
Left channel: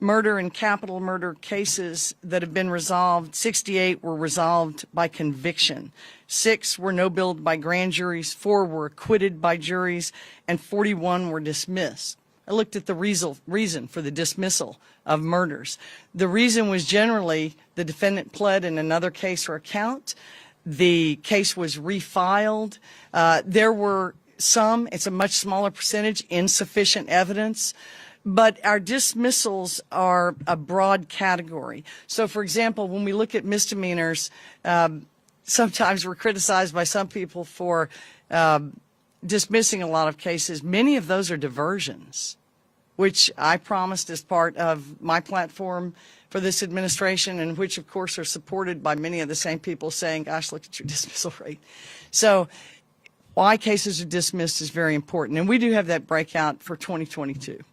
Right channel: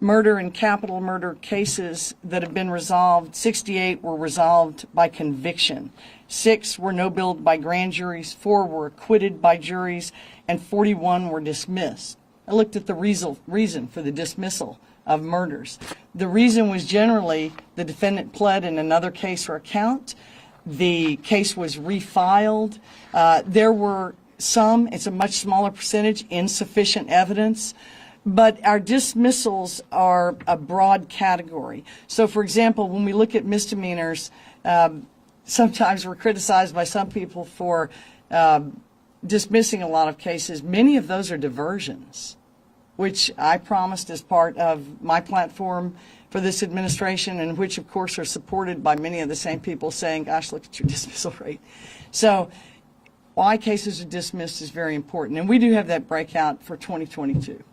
murder and capital murder cases that have been resolved, 68 were resolved by conviction. 6 were no billed by grand juries, 4 were acquitted by juries, and 41 were dismissed. I looked at the reason for the dismissal of murders. The reason was generally the defendant pled in another case or account. The case was refiled. There were some, it's a much smaller percentage, insufficient evidence. But our dismissals are a broad category. So, for example, when we look at misdemeanors, sometimes we're criticized by some people for dismissing a lot of cases. Many of those are diversions, which I promised as part of my platform for this administration, and which, of course, are supported by many of the same people saying, gosh, look at your dismissal rate. So why cases are dismissed is very important. And we do have that breakout for 2022. Are you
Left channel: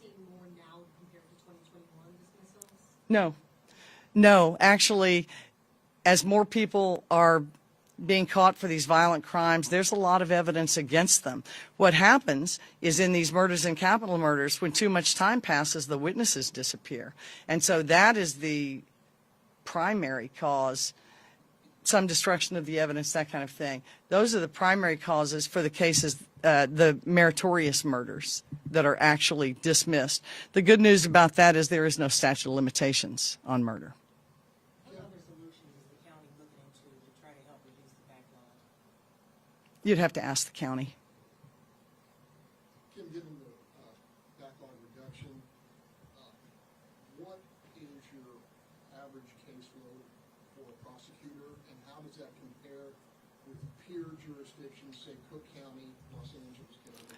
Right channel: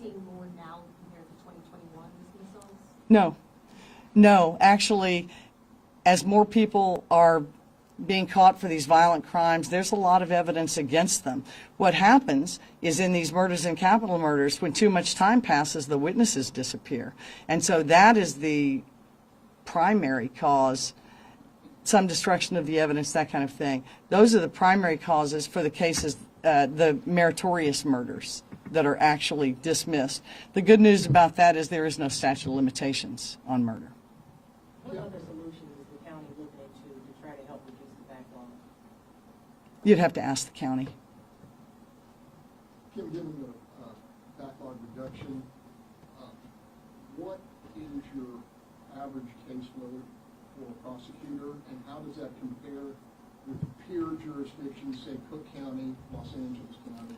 seeing more now compared to 2021 dismissals? No, actually, as more people are being caught for these violent crimes, there's a lot of evidence against them. What happens is in these murders and capital murders, when too much time passes, the witnesses disappear. And so that is the primary cause, some destruction of the evidence, that kind of thing. Those are the primary causes for the cases, the meritorious murders that are actually dismissed. The good news about that is there is no statute of limitations on murder. What other solutions is the county looking into to try to help reduce the backlog? You'd have to ask the county. Kim, given the backlog reduction, what is your average caseload for a prosecutor, and how does that compare with peer jurisdictions, say Cook County, Los Angeles County?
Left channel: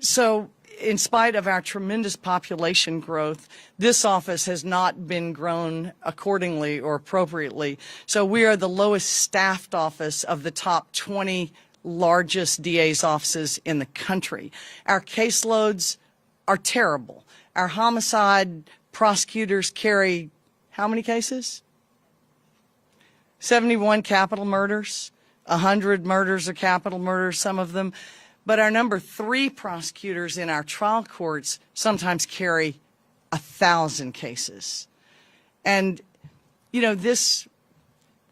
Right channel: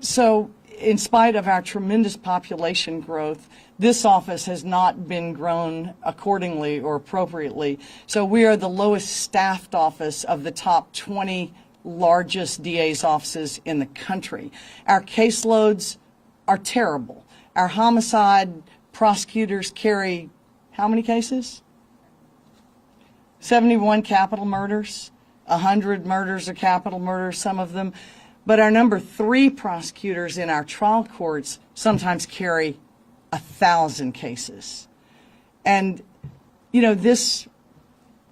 So, in spite of our tremendous population growth, this office has not been grown accordingly or appropriately. So we are the lowest staffed office of the top 20 largest DA's offices in the country. Our caseloads are terrible. Our homicide prosecutors carry how many cases? 71 capital murders, 100 murders or capital murders, some of them. But our number 3 prosecutors in our trial courts sometimes carry 1,000 cases. And, you know, this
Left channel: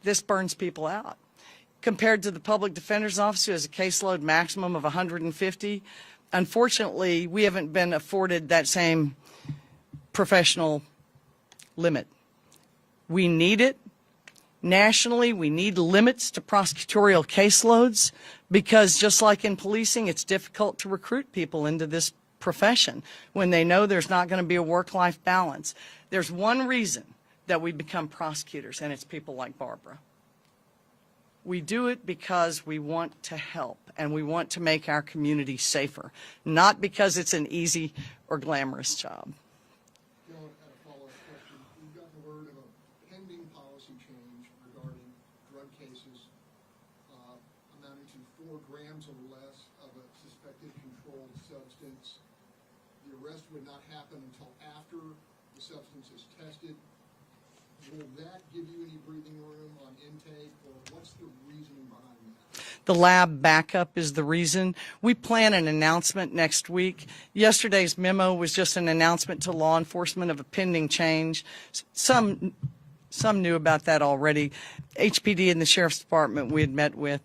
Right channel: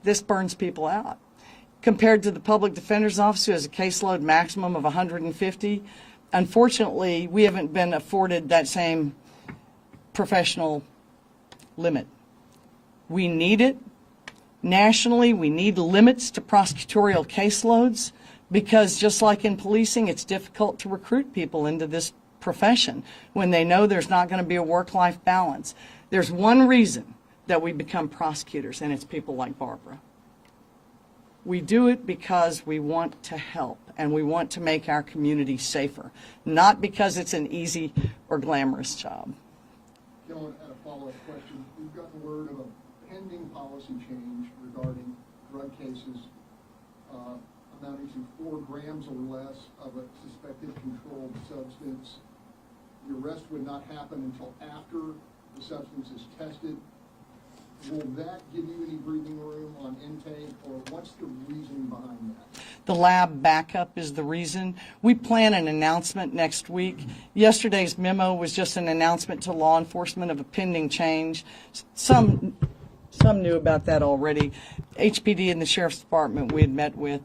this burns people out. Compared to the public defender's office, who has a caseload maximum of 150, unfortunately, we haven't been afforded that same professional limit. We need it. Nationally, we need limits to prosecutorial caseloads because just like in policing, it's difficult to recruit people into this profession when they know there's not going to be a work-life balance. There's one reason that we become prosecutors, and it's people like Barbara. We do it because we want to help and we want to make our community safer, not because it's an easy or glamorous job. Dylan, had a follow-up question. We've gotten word of a pending policy change regarding drug cases amounting to 4 grams or less of a suspected controlled substance. The arrest would not happen until after the substance is tested. Will that give you any breathing room on intake, or what's the reasoning behind that? The lab backup is the reason. We plan an announcement next week. Yesterday's memo was just an announcement to law enforcement of a pending change. Some knew about that already. HPD and the Sheriff's Department we had met with.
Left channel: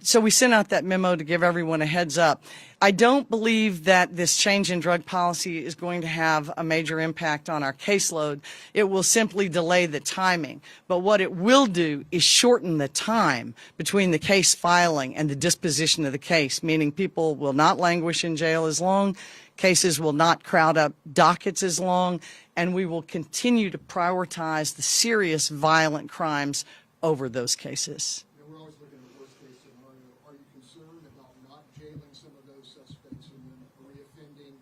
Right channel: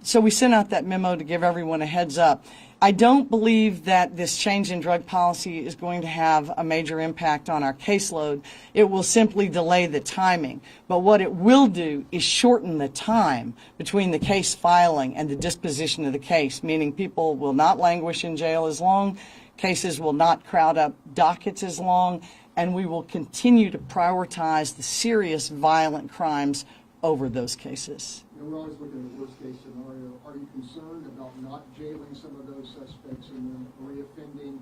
So we sent out that memo to give everyone a heads up. I don't believe that this change in drug policy is going to have a major impact on our caseload. It will simply delay the timing. But what it will do is shorten the time between the case filing and the disposition of the case, meaning people will not languish in jail as long, cases will not crowd up dockets as long, and we will continue to prioritize the serious violent crimes over those cases. You know, we're always looking at the worst-case scenario. Are you concerned about not jailing some of those suspects and then reoffending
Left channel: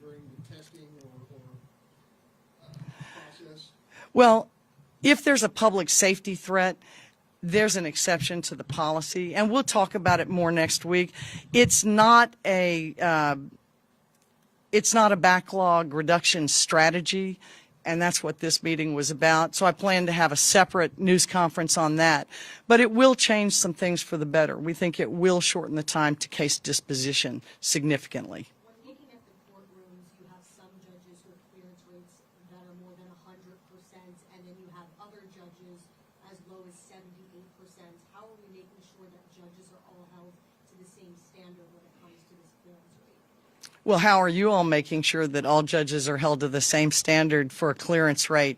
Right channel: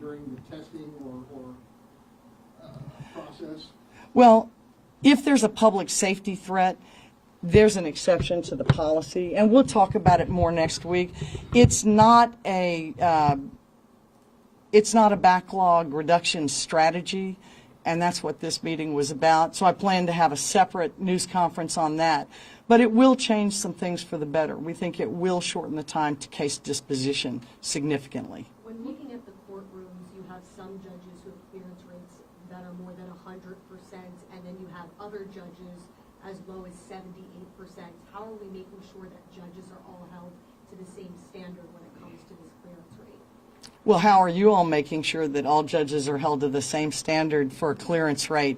during the testing or process? Well, if there's a public safety threat, there's an exception to the policy, and we'll talk about it more next week. It's not a backlog reduction strategy, and that's what this meeting was about. So I plan to have a separate news conference on that. But it will change some things for the better. We think it will shorten the time to case disposition significantly. When looking at the courtrooms, you have some judges who have clearance rates that are more than 100%, and then you have other judges as low as 78%. How are we making sure that judges are all held to the same standard when it comes to this clearance rate? Well, how are you all making sure that all judges are held to the same standard for a clearance rate?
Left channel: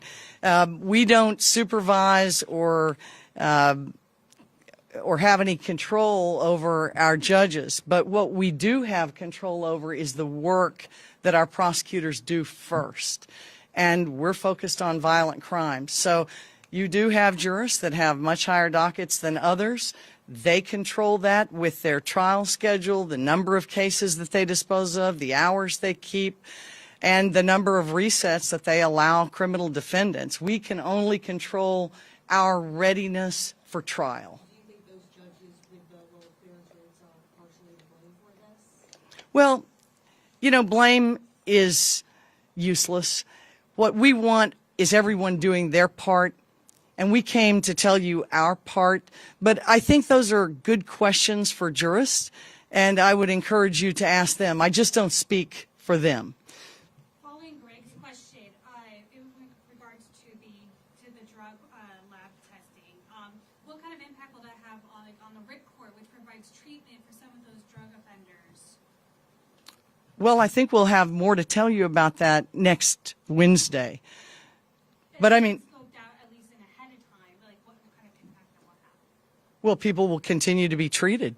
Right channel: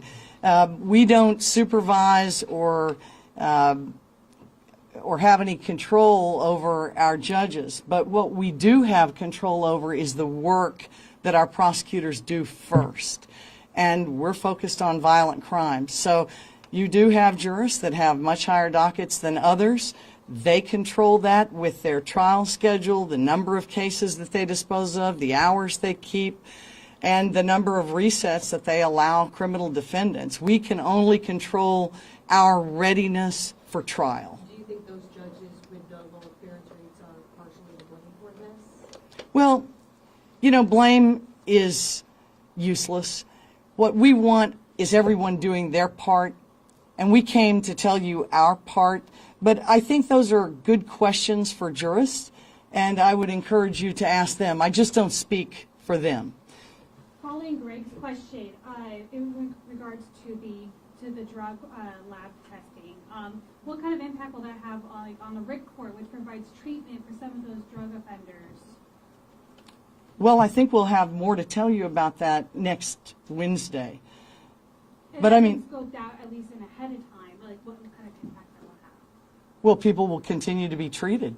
We don't supervise or have any control over our judges, but what we do have control over is the work that our prosecutors do first. And we're focused on violent crimes. So you do have jurists that have much higher dockets than others. They control that with their trial schedule, the number of cases that they dispose of, the hours they keep, and the number of resets that they allow criminal defendants. We can only control our readiness for trial. Do you think those judges with the lower clearance rates are partially to blame for this? Well, you know, blame is useless. What we want is everyone doing their part, and we came to tell you our part. But I think those are good questions for jurists, and I would encourage you to ask them. I just don't speak for them. Following Greg's question, in regards to the drug lab testing, what kind of impact will that have on the RIC court, which provides treatment for some of those drug offenders? Well, I think we'll have more to tell you about that next Wednesday. But I mean, scoped out at least in ahead of time, like what kind of impact that will have? well, people will continue to be treated.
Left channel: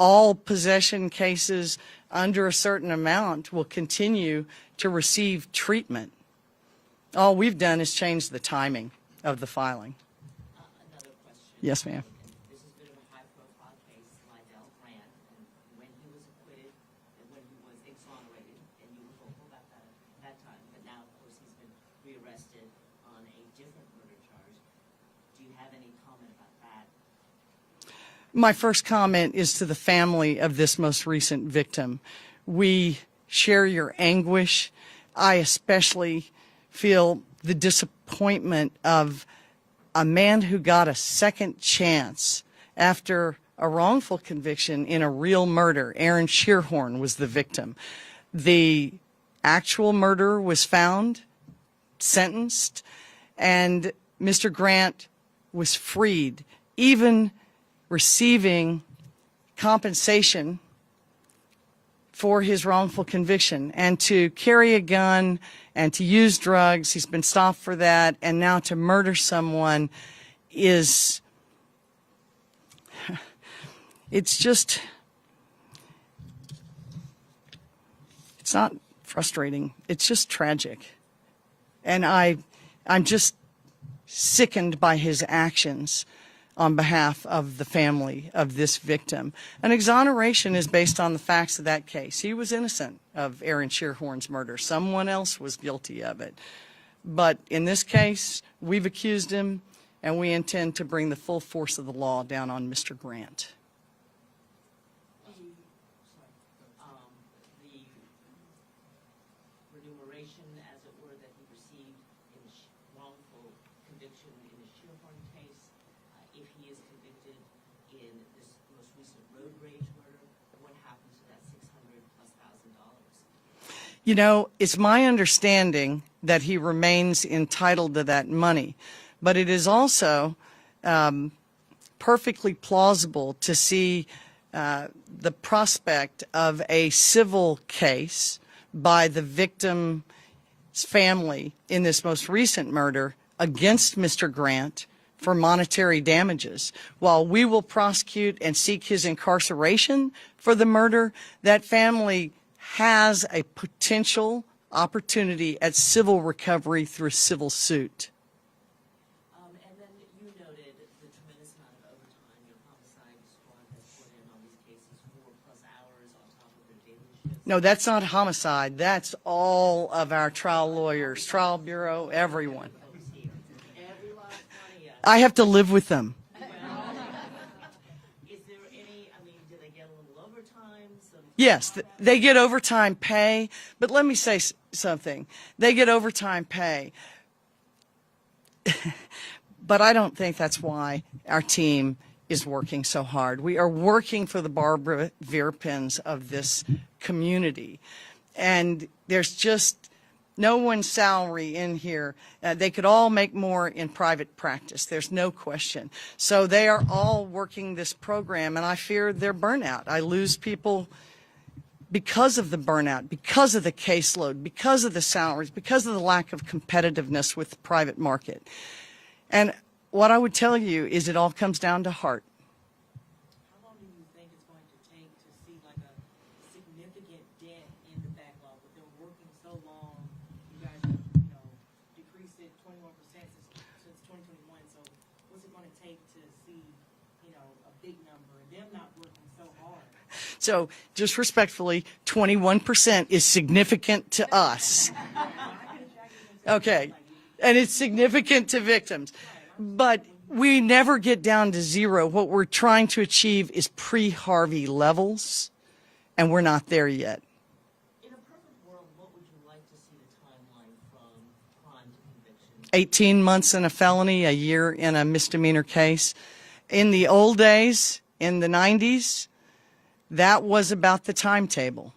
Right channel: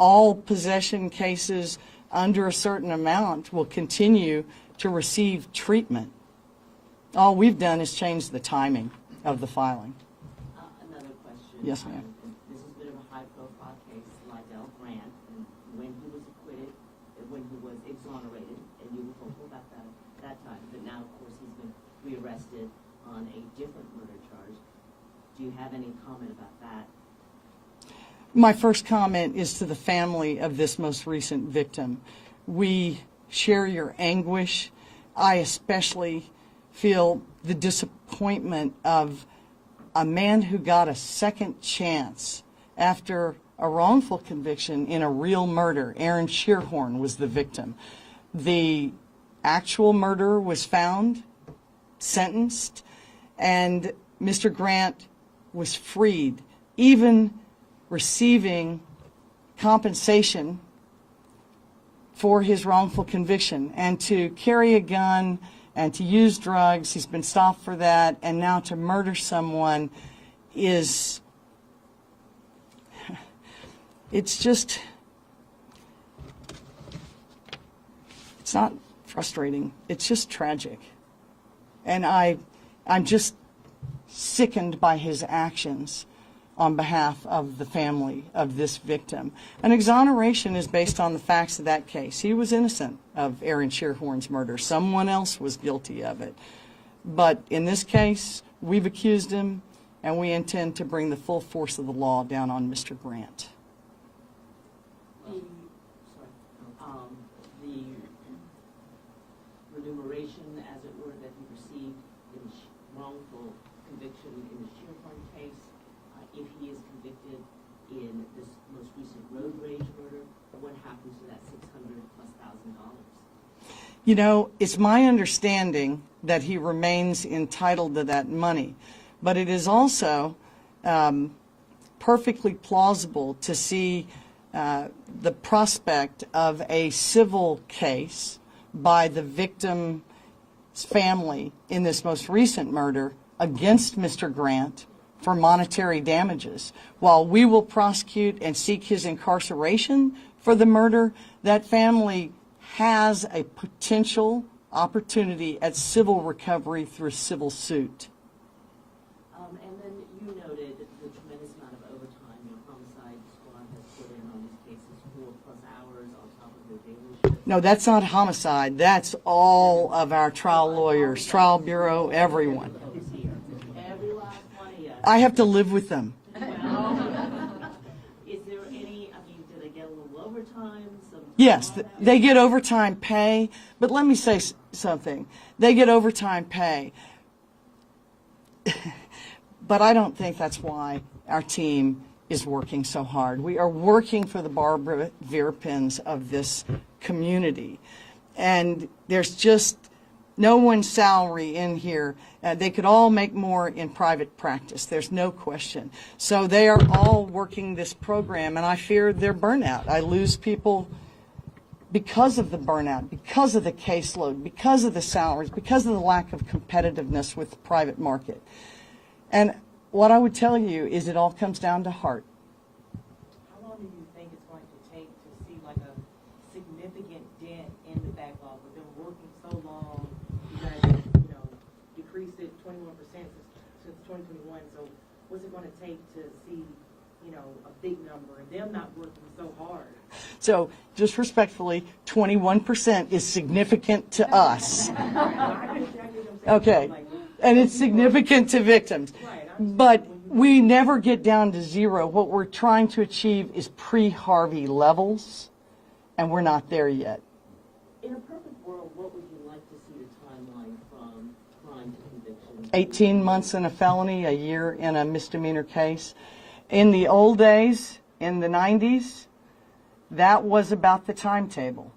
All possession cases under a certain amount will continue to receive treatment. All we've done is change the timing of the filing. Another question. Yes, ma'am. This is a bit of a high-profile case, Lydell Grant, and when he was acquitted, when he was exonerated, and you were hopeful about that at that time, but now, of course, he's been rearrested on a different murder charge. Do you have any comment about that? My first comment is to the family of this most recent victim. We share your anguish. I especially feel the disappointment of a man who got a second chance after a wrongful conviction in a real murder. Aaron Shearhorn was the victim. The actual murderer was found, sentenced, and Mr. Grant was freed, even receiving compensation for his wrongful conviction. And to carry a gun and to use drugs, he's been stopped for that, and now to murder someone is, it's just, it's not frustrating, it's just tragic. And I'm just sickened by his actions on behalf of the family of this victim. An exoneration is based on the facts of that case. He was innocent of Aaron Shearhorn's murder. Someone else was guilty of it. But in this case, we've accused him, and we intend to bring the full force of the law down on Mr. Grant. The remuneration, as it were, that he received in wrongful conviction in the Shearhorn case, if he is convicted in this most recent road rage murder, what happens to that $600,000+? You know, it's my understanding that he remains entitled to that money, but it is also perfectly plausible to see the prospect of a civil case by the victim's family in this most recent murder against Mr. Grant for monetary damages. While we will prosecute and seek his incarceration for the murder, that family has a potential opportunity at civil recovery through a civil suit. And then you noted the tremendous amount of overtime your homicide squad has put in on these cases, 4+ hours on top of their daily shifts. No, that's not homicide. That's all of our trial lawyers, trial bureau, everyone. Every last one of you. I have to live with them. Is there any, I mean, do they get a little overtime? Yes, they get overtime pay, but let me say something. They get overtime pay, but I don't think that's why our team is working so hard. We are working for the Barbara Verpins of this community, and there's just no one's salary in here. They could all make more in private practice. There's no question. So they are all working this program, and I fear their burnout. I lose people because of the burnout, because of the caseload, because of the salaries, because of the lack of competitiveness with the private market. And what I would tell you is it all comes down to heart. How long do you think it's going to take to see like a significant dent in the backlog? We've been working so long, you guys, decreased it 21% since 2021. So what's it going to take to see, a big number and them not working so hard? So just respectfully, 21% is significant to us. Okay, and it's significant to victims. But we never get down to zero. What we're trying to achieve is pre-Harvey levels, and we're not there yet. In a perfect world, what would you like to see the timeline from crime to conviction? 18 months in a felony, a year in a misdemeanor case. In the old days, in the 90s, that was about the timetable.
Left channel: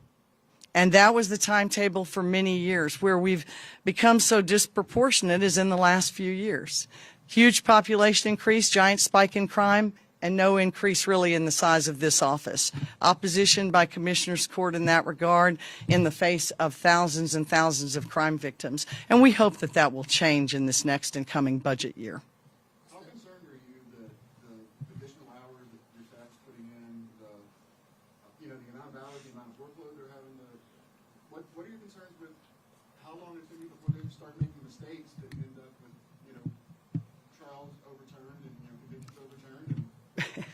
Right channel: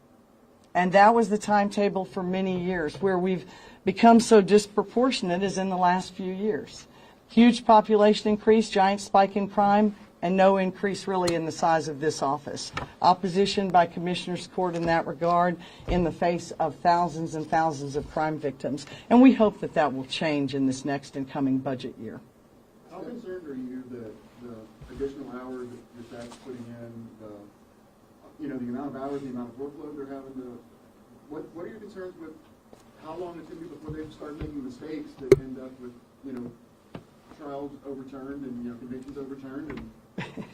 And that was the timetable for many years. Where we've become so disproportionate is in the last few years. Huge population increase, giant spike in crime, and no increase really in the size of this office. Opposition by Commissioner's Court in that regard in the face of thousands and thousands of crime victims. And we hope that that will change in this next and coming budget year. How concerned are you that the additional hours that that's putting in, the amount of hours, the amount of workload they're having to, what are your concerns with how long it's going to be before they start making mistakes that end up with, trials overturned and, convictions overturned? And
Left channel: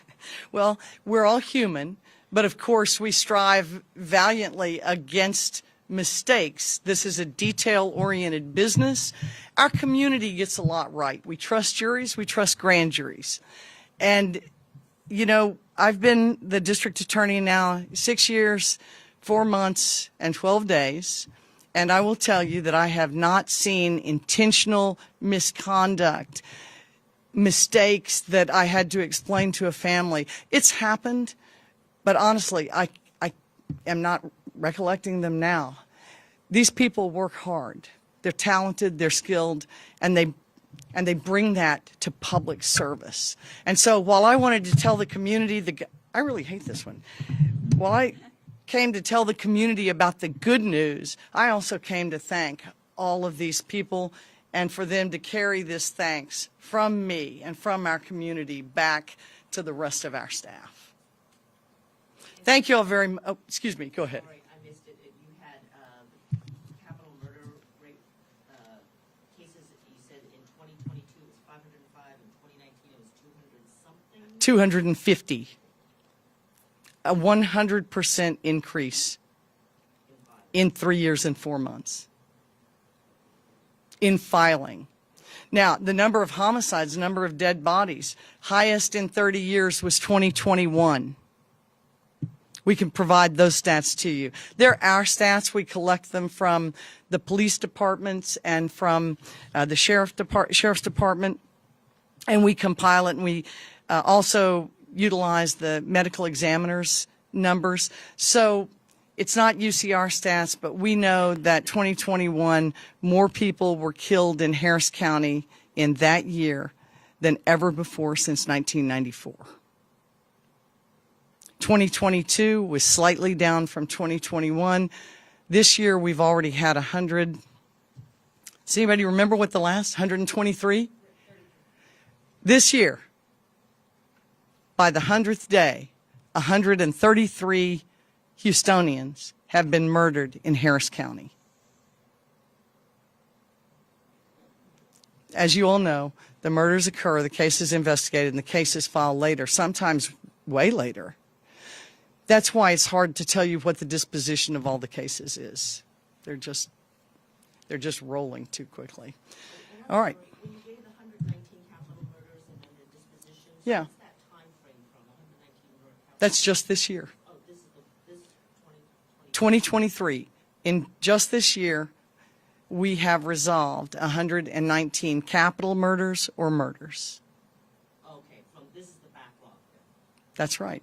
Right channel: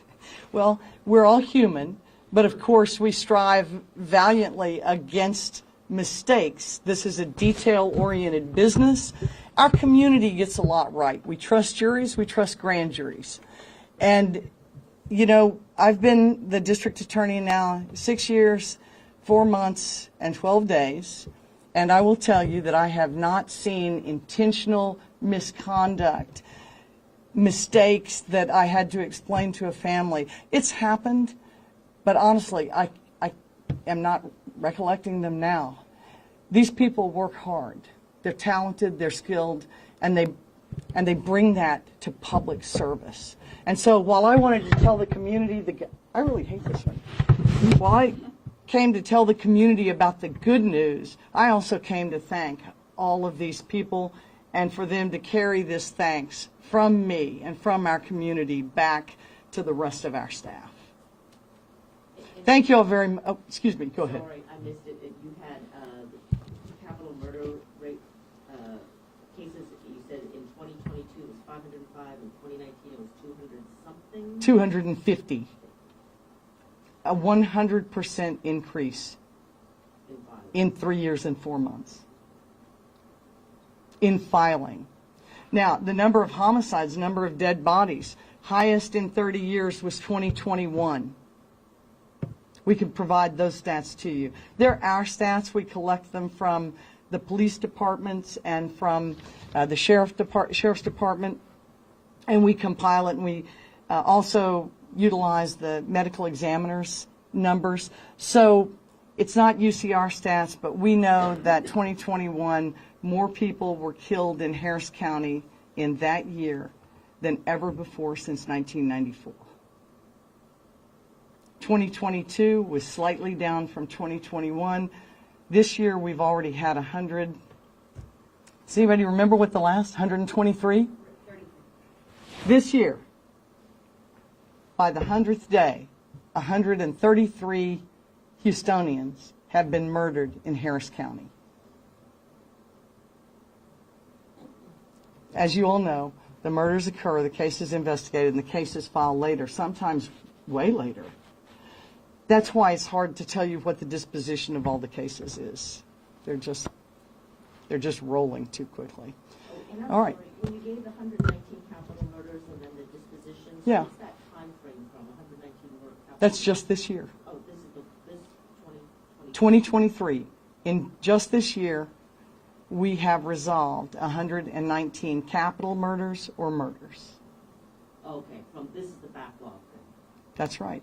Well, we're all human, but of course we strive valiantly against mistakes. This is a detail-oriented business. Our community gets a lot right. We trust juries, we trust grand juries. And, I've been the district attorney now 6 years, 4 months, and 12 days. And I will tell you that I have not seen intentional misconduct, mistakes that I had to explain to a family. It's happened, but honestly, I am not recollecting them now. These people work hard. They're talented, they're skilled, and And they bring that to public service. And so while I wanted to tell the community, I really hate this one. While I came to tell the community about the good news, I also came to thank all of these people and for them to carry this thanks from me and from our community back to the rest of our staff. Thank you all very much. Oh, excuse me, go ahead. Sorry, I missed it. If you had capital murder rate cases, you said in 2022 it was 505, in 2019 it was 200 something? 250. A 100% increase in 3 years and 4 months in filing. Now, the number of homicides, the number of dead bodies, highest in 30 years was 2021. We can provide those stats to you. They're our stats. We collect them from the police departments and from the sheriff's department, and we compile it, and we also utilize the medical examiner's numbers. So it's not UCR stats, but we know that 2021, more people were killed in Harris County in that year than ever before since 1994. 2022 was slightly down from 2021. This year we've already had 100. Does anybody remember what the last 123? This year, by the 100th day, 133 Houstonians have been murdered in Harris County. As you all know, the murders occur, the case is investigated, and the case is filed later, sometimes way later. That's why it's hard to tell you what the disposition of all the cases is. They're just rolling too quickly. All right. When you gave the 119 capital murders and then the dispositions, Yeah. what's that time frame from 119 murder capital? That's just this year. Oh, this is this 2020. 2023. In just this year, we have resolved 119 capital murders or murders. Okay, from this is the backlog then. That's right.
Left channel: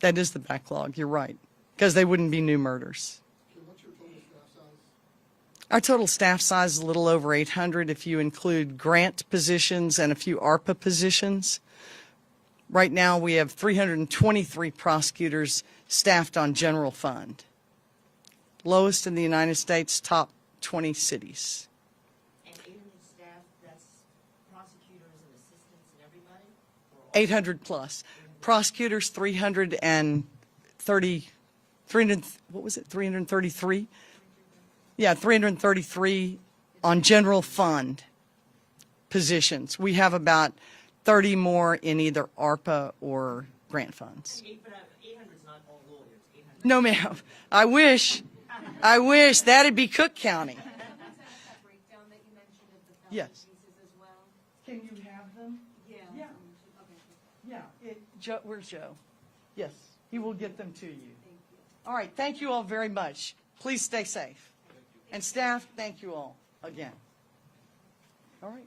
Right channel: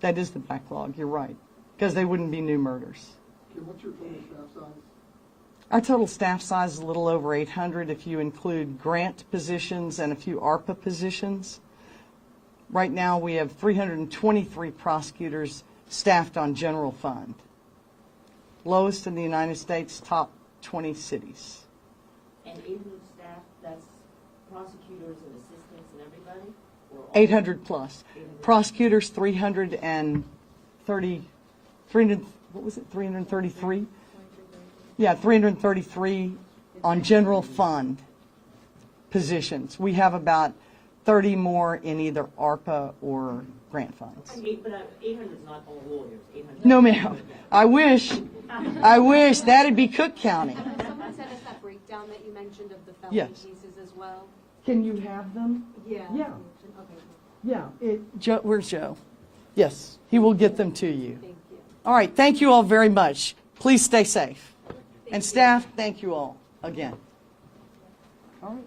That is the backlog, you're right, because they wouldn't be new murders. Kim, what's your total staff size? Our total staff size is a little over 800 if you include grant positions and a few ARPA positions. Right now, we have 323 prosecutors staffed on general fund. Lowest in the United States, top 20 cities. And 800 staff, that's prosecutors and assistants and everybody? Or all- 800 plus. Prosecutors, 333, what was it, 333? Yeah, 333 on general fund positions. We have about 30 more in either ARPA or grant funds. 800 is not all lawyers. 800. No, ma'am. I wish. That'd be Cook County. Someone sent us that breakdown that you mentioned of the felony Yes. cases as well. Can you have them? Yeah. Yeah. Okay, Yeah. Joe, where's Joe? Yes, he will get them to you. thank you. All right, thank you all very much. Please stay safe. And staff, thank you all again. All right.